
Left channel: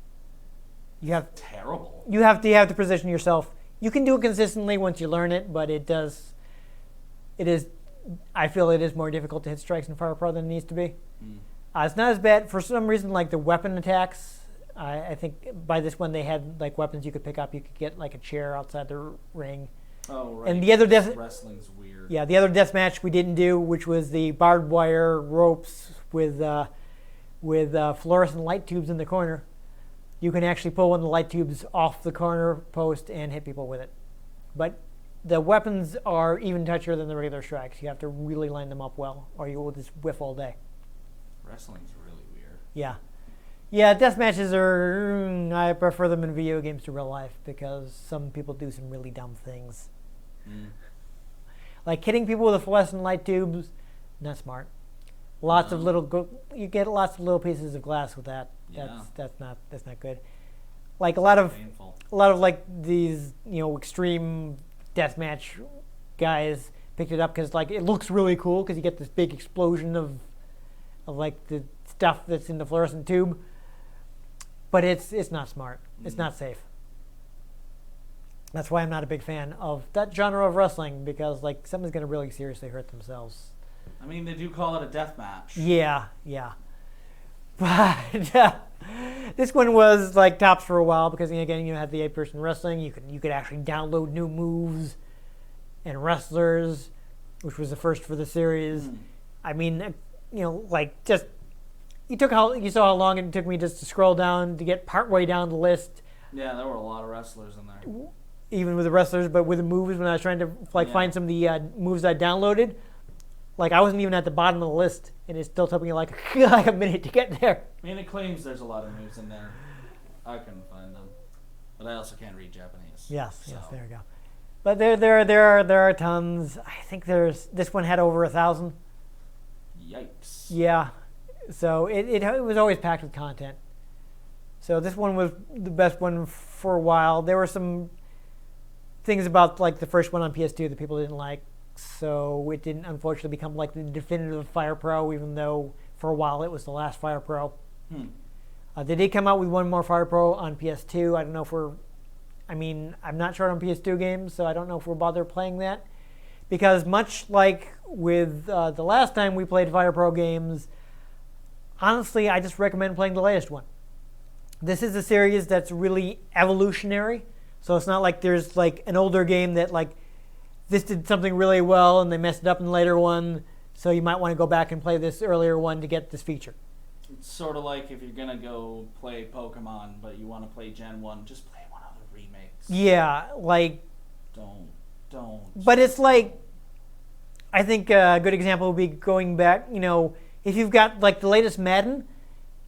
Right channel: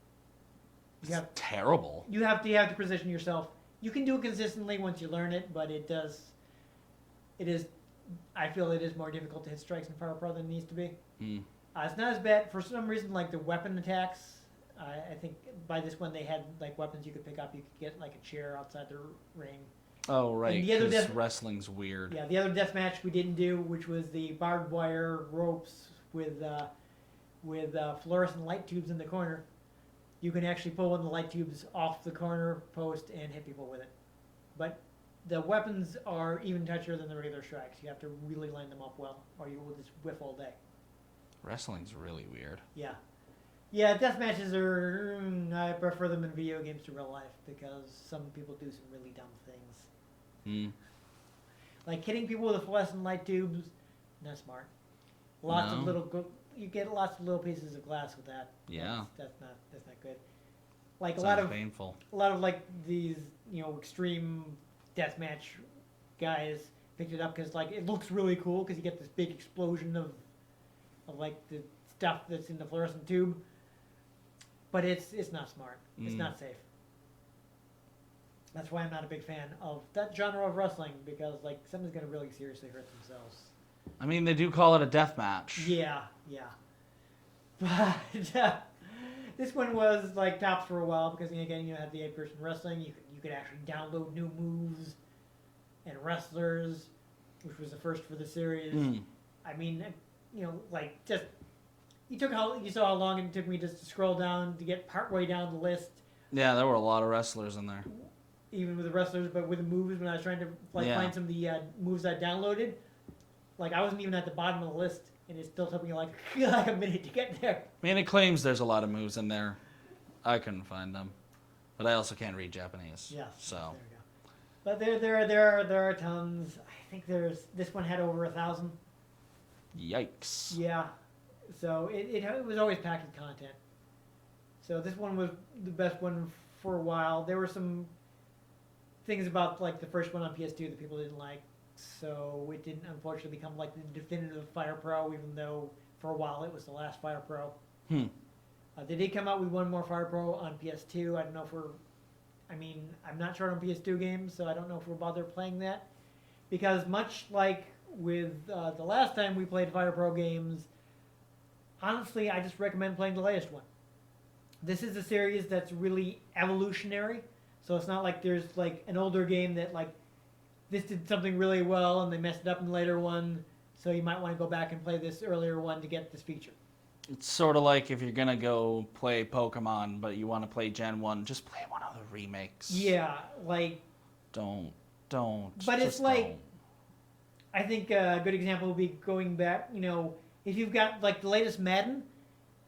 Terrible. You have to position yourself. You can do it consistently once you learn it, but it is I feel it is more difficult to hit strikes in Fire Pro than it needs to be. Mm. It's not as bad for some reason. Like the weapon attacks, I think by this one they had like weapons you could pick up. You could get like a chair outside the ring. Oh right. And the other 'cause wrestling's weird. Yeah, the other death match we didn't do, which was the barbed wire ropes with fluorescent light tubes in the corner. You can actually pull one of the light tubes off the corner post and hit people with it. But the weapons are even touchier than the regular strikes. You have to really line them up well, or you will just whiff all day. Wrestling's really weird. Yeah. Yeah, death matches are... I prefer them in video games to real life because some people do some really dumb things. Mm. Like hitting people with the fluorescent light tubes, not smart. Lots of little... You get lots of little pieces of glass with that. Yeah. That's not good. Like Sounds a lot of painful. like these extreme deathmatch guys picked it up because like it looks really cool because you get this big explosion of like the stuff that's in the fluorescent tube, but it's not smart. It's not safe. That's why I'm not a big fan of that genre of wrestling because like someone's gonna really seriously hurt themselves. I mean, they do call it a death match. Yeah. But this one was like tops for a while because again you had the 8-person wrestling. You could actually download new moves and wrestlers, which was the first for the series. I mean, like just you saw how long it took me just to scroll down to get partway down the list. Yeah, there were a lot of wrestlers in there. Even with the wrestlers, but with the moves when I was trying to find some of the moves I downloaded. Like I wasn't even at the bottom of the list, and it still took me like a minute to get there. I mean, it claims there's a lot of moves in there. I couldn't find them, but I also can't read Japanese. Yes, so. yes, there you go. But there are tons. I think this one had over 1,000. Yikes. Yeah, so it was always packed with content. So this one was the best one for a while. There were some things about like the first one on PS2 that people didn't like. So it didn't unfortunately become like the definitive Fire Pro, even though for a while it was the last Fire Pro. They did come out with one more Fire Pro on PS2. I don't know if I'm not sure on PS2 games, so I don't know if we'll bother playing that. Because much like with the last time we played Fire Pro games, honestly, I just recommend playing the latest one. This is a series that's really evolutionary, so it's not like there's like an older game that like this did something really well and they messed it up in the later one, so you might want to go back and play this earlier one to get this feature. It's sort of like if you're going to go play Pokemon, but you want to play Gen 1, just play one of the remakes. Yeah, like... Don't. But it's like... I think a good example would be going back, if you've got like the latest Madden,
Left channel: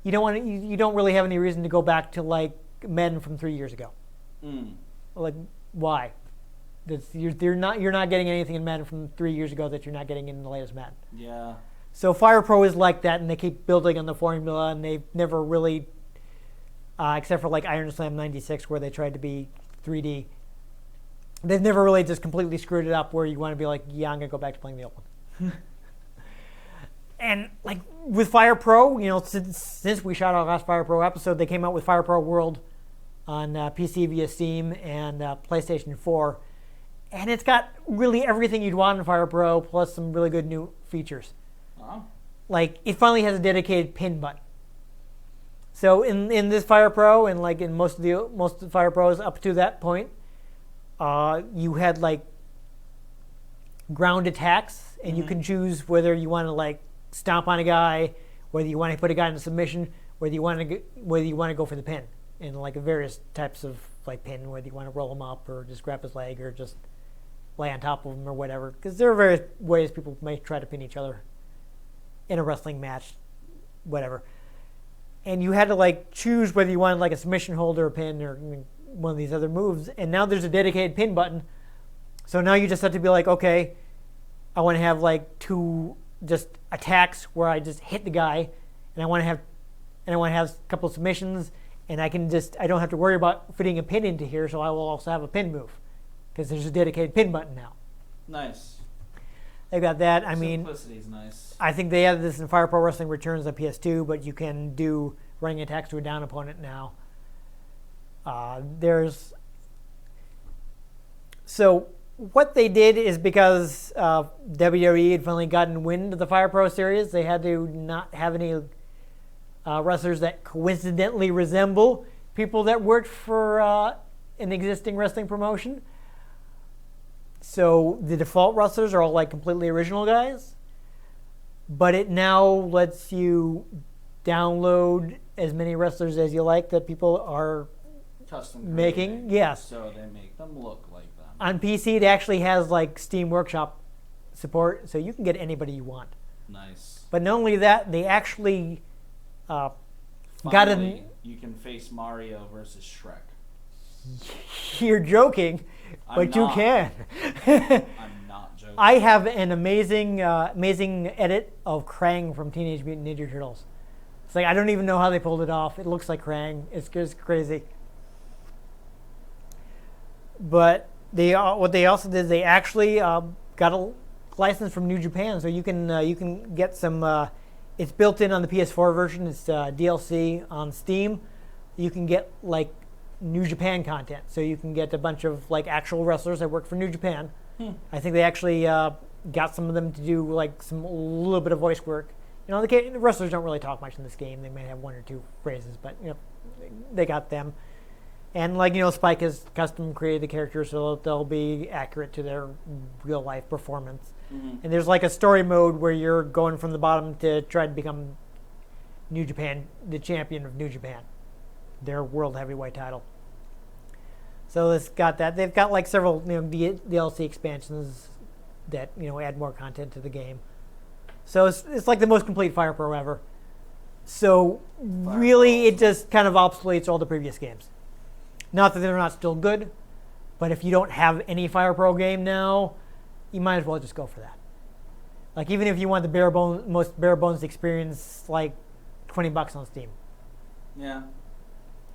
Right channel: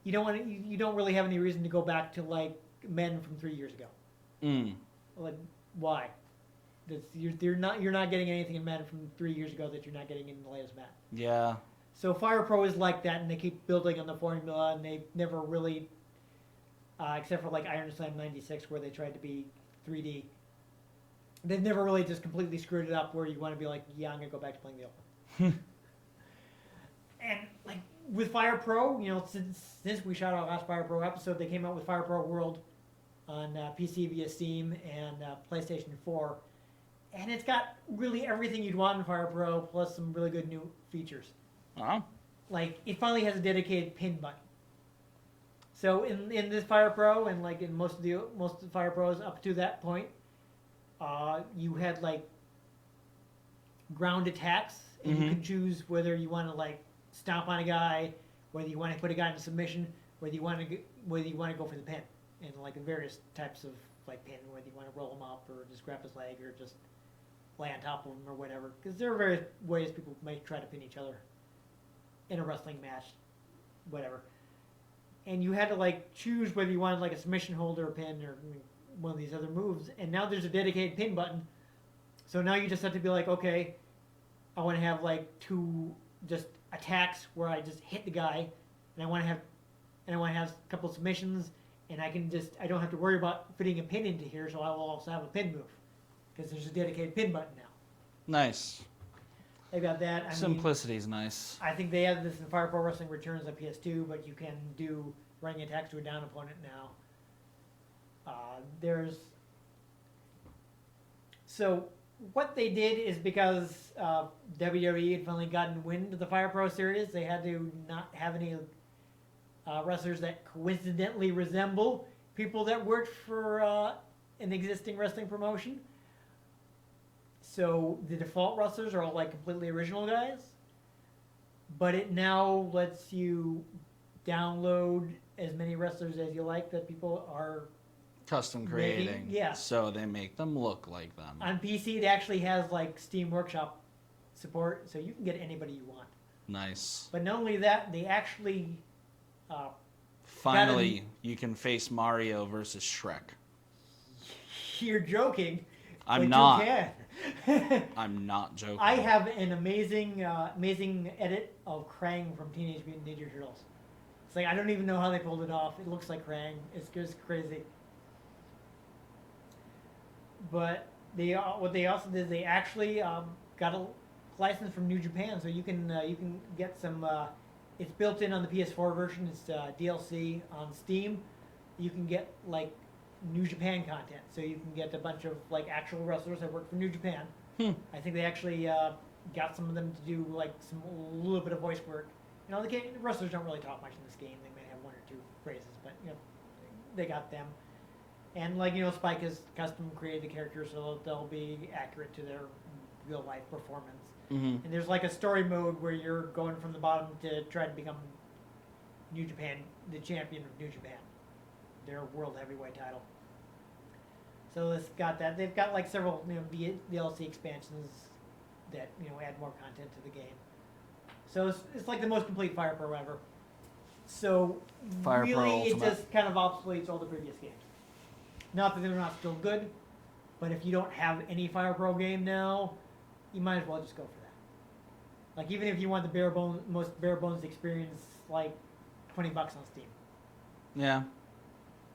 you don't really have any reason to go back to like Madden from 3 years ago. Like, why? You're not getting anything in Madden from 3 years ago that you're not getting in the latest Madden. Yeah. So Fire Pro is like that, and they keep building on the formula, and they've never really, except for like Iron Slam 96, where they tried to be 3D, they've never really just completely screwed it up where you want to be like, yeah, I'm going to go back to playing the old one. And like with Fire Pro, since we shot our last Fire Pro episode, they came out with Fire Pro World on PC via Steam and PlayStation 4. And it's got really everything you'd want in Fire Pro, plus some really good new features. Wow. Like, it finally has a dedicated pin button. So in this Fire Pro, and like in most of the Fire Pros up to that point, you had like ground attacks, and you can choose whether you want to like stomp on a guy, whether you want to put a guy in a submission, whether you want to go for the pin, and like various types of like pin, whether you want to roll him up or just grab his leg or just lay on top of him or whatever. Because there are various ways people may try to pin each other in a wrestling match, whatever. And you had to like choose whether you wanted like a submission hold or a pin or one of these other moves. And now there's a dedicated pin button. So now you just have to be like, okay, I want to have like 2 just attacks where I just hit the guy, and I want to have a couple of submissions, and I don't have to worry about fitting a pin into here. So I will also have a pin move because there's a dedicated pin button now. Nice. They got that. Simplicity's nice. I think they added this in Fire Pro Wrestling Returns on PS2, but you can do running attacks to a down opponent now. what they did is because WWE had finally gotten wind of the Fire Pro series, they had to not have any wrestlers that coincidentally resemble people that worked for an existing wrestling promotion. So the default wrestlers are all like completely original guys, but it now lets you download as many wrestlers as you like that people are Custom making. creating. Yes. So they make them look like them. On PC, it actually has like Steam Workshop support, so you can get anybody you want. Nice. But not only that, they actually Finally, you can face Mario versus Shrek. You're joking, I'm but not. you can. I'm not joking. I have an amazing edit of Krang from Teenage Mutant Ninja Turtles. It's like I don't even know how they pulled it off. It looks like Krang. It's just crazy. But what they also did, they actually got a license from New Japan, so you can get some. It's built in on the PS4 version. It's DLC on Steam. You can get like New Japan content, so you can get a bunch of like actual wrestlers that work for New Japan. I think they actually got some of them to do like some little bit of voice work. You know, the wrestlers don't really talk much in this game. They may have one or two phrases, but you know, they got them. And like you know, Spike has custom created the characters so they'll be accurate to their real life performance. Mm-hmm. And there's like a story mode where you're going from the bottom to try to become New Japan, the champion of New Japan, their world heavyweight title. So it's got that. They've got like several DLC expansions that add more content to the game. So it's like the most complete Fire Pro ever. So Fire really, Pro it Ultimate. just kind of obsoletes all the previous games. Not that they're not still good, but if you don't have any Fire Pro game now, you might as well just go for that. Like even if you want the most bare bones experience, like $20 on Steam Yeah.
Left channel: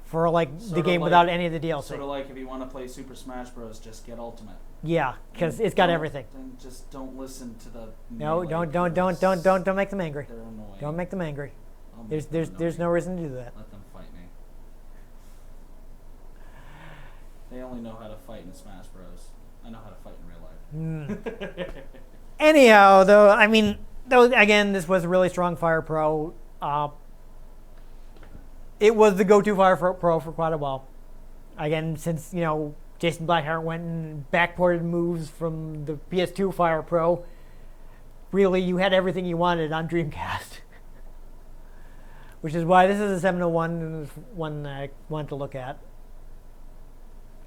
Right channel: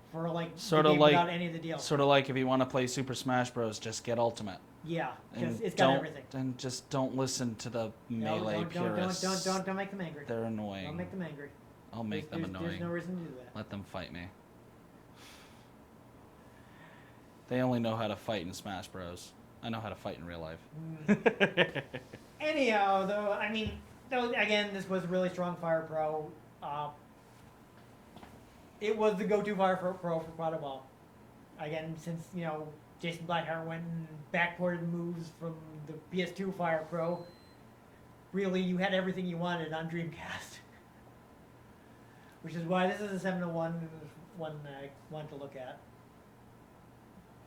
for like the Sorta game like- without any of the DLC. Sort of like if you want to play Super Smash Bros, just get Ultimate. Yeah, because And it's got don't- everything. And just don't listen to the No, melee don't purists. don't make them angry. They're annoying. Don't make them angry. I'll make There's them there's no annoying. reason to do that. Let them fight me. They only know how to fight in Smash Bros. I know how to fight in real life. Anyhow, though, I mean, again, this was a really strong Fire Pro. It was the go-to Fire Pro for quite a while. Again, since Jason Blackheart went and backported moves from the PS2 Fire Pro, really, you had everything you wanted on Dreamcast. Which is why this is a 701 and it's one I wanted to look at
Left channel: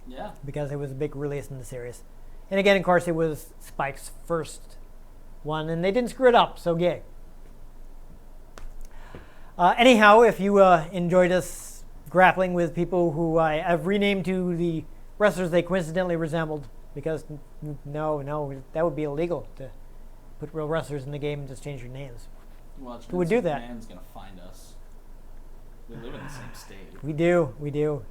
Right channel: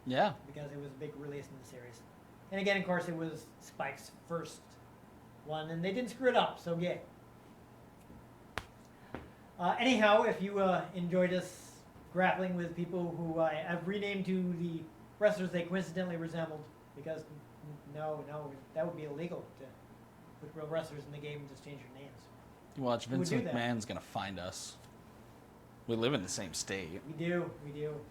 Yeah. because it was a big release in the series. And again, of course, it was Spike's first one, and they didn't screw it up, so yay. Anyhow, if you enjoyed us grappling with people who I have renamed to the wrestlers they coincidentally resembled, because no, that would be illegal to put real wrestlers in the game and just change your names. You watch Who would Vince do that? McMahon's gonna find us. We live in the same state. We do.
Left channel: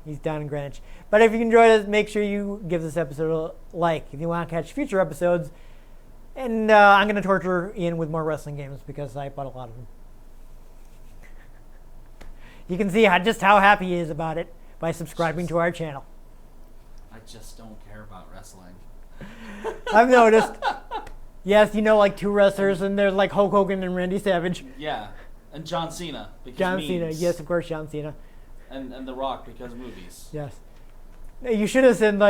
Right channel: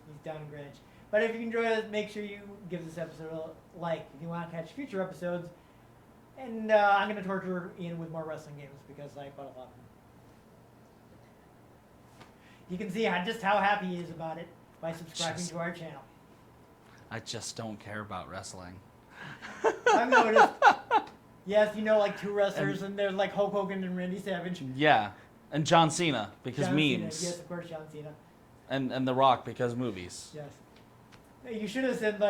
He's down in Greenwich. But if you enjoyed it, make sure you give this episode a like if you want to catch future episodes. And I'm going to torture Ian with more wrestling games because I bought a lot of them. You can see just how happy he is about it by subscribing to our channel. I just don't care about wrestling. I've noticed. Yes, like two wrestlers, and they're like Hulk Hogan and Randy Savage. Yeah. And John Cena because John memes. Cena. Yes, of course, John Cena. And The Rock because movies. Yes. You should have said,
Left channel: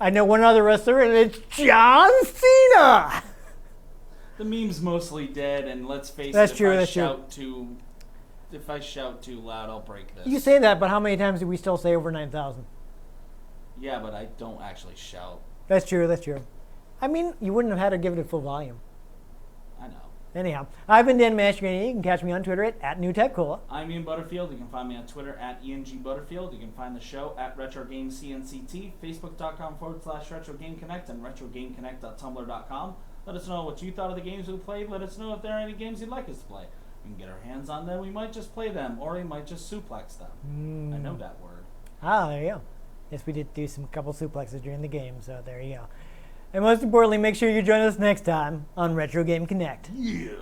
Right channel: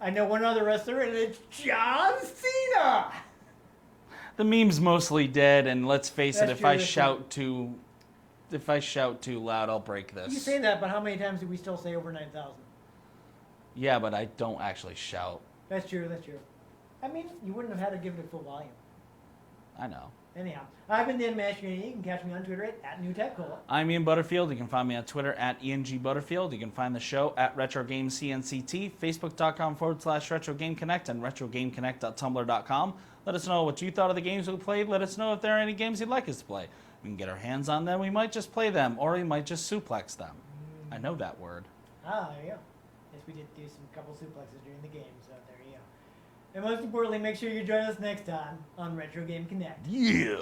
I know one other wrestler, and it's John Cena! The meme's mostly dead, and let's face That's it, true, if that's I shout too loud, I'll break this. You say that, but how many times do we still say over 9,000? Yeah, but I don't actually shout. That's true. I mean, you wouldn't have had to give it a full volume. I know. Anyhow, I've been Dan Mastriani. You can catch me on Twitter at NewTechCola. I'm Ian Butterfield. You can find me on Twitter at ENGButterfield. You can find the show at RetroGameCNCT, Facebook.com/RetroGameConnect, and RetroGameConnect.tumblr.com. Let us know what you thought of the games we played. Let us know if there are any games you'd like us to play. We can get our hands on them. We might just play them, or we might just suplex them. I know that word. There you go. Yes, we did do some couple suplexes during the game, so there you go. And most importantly, make sure you join us next time on Retro Game Connect. Yeah.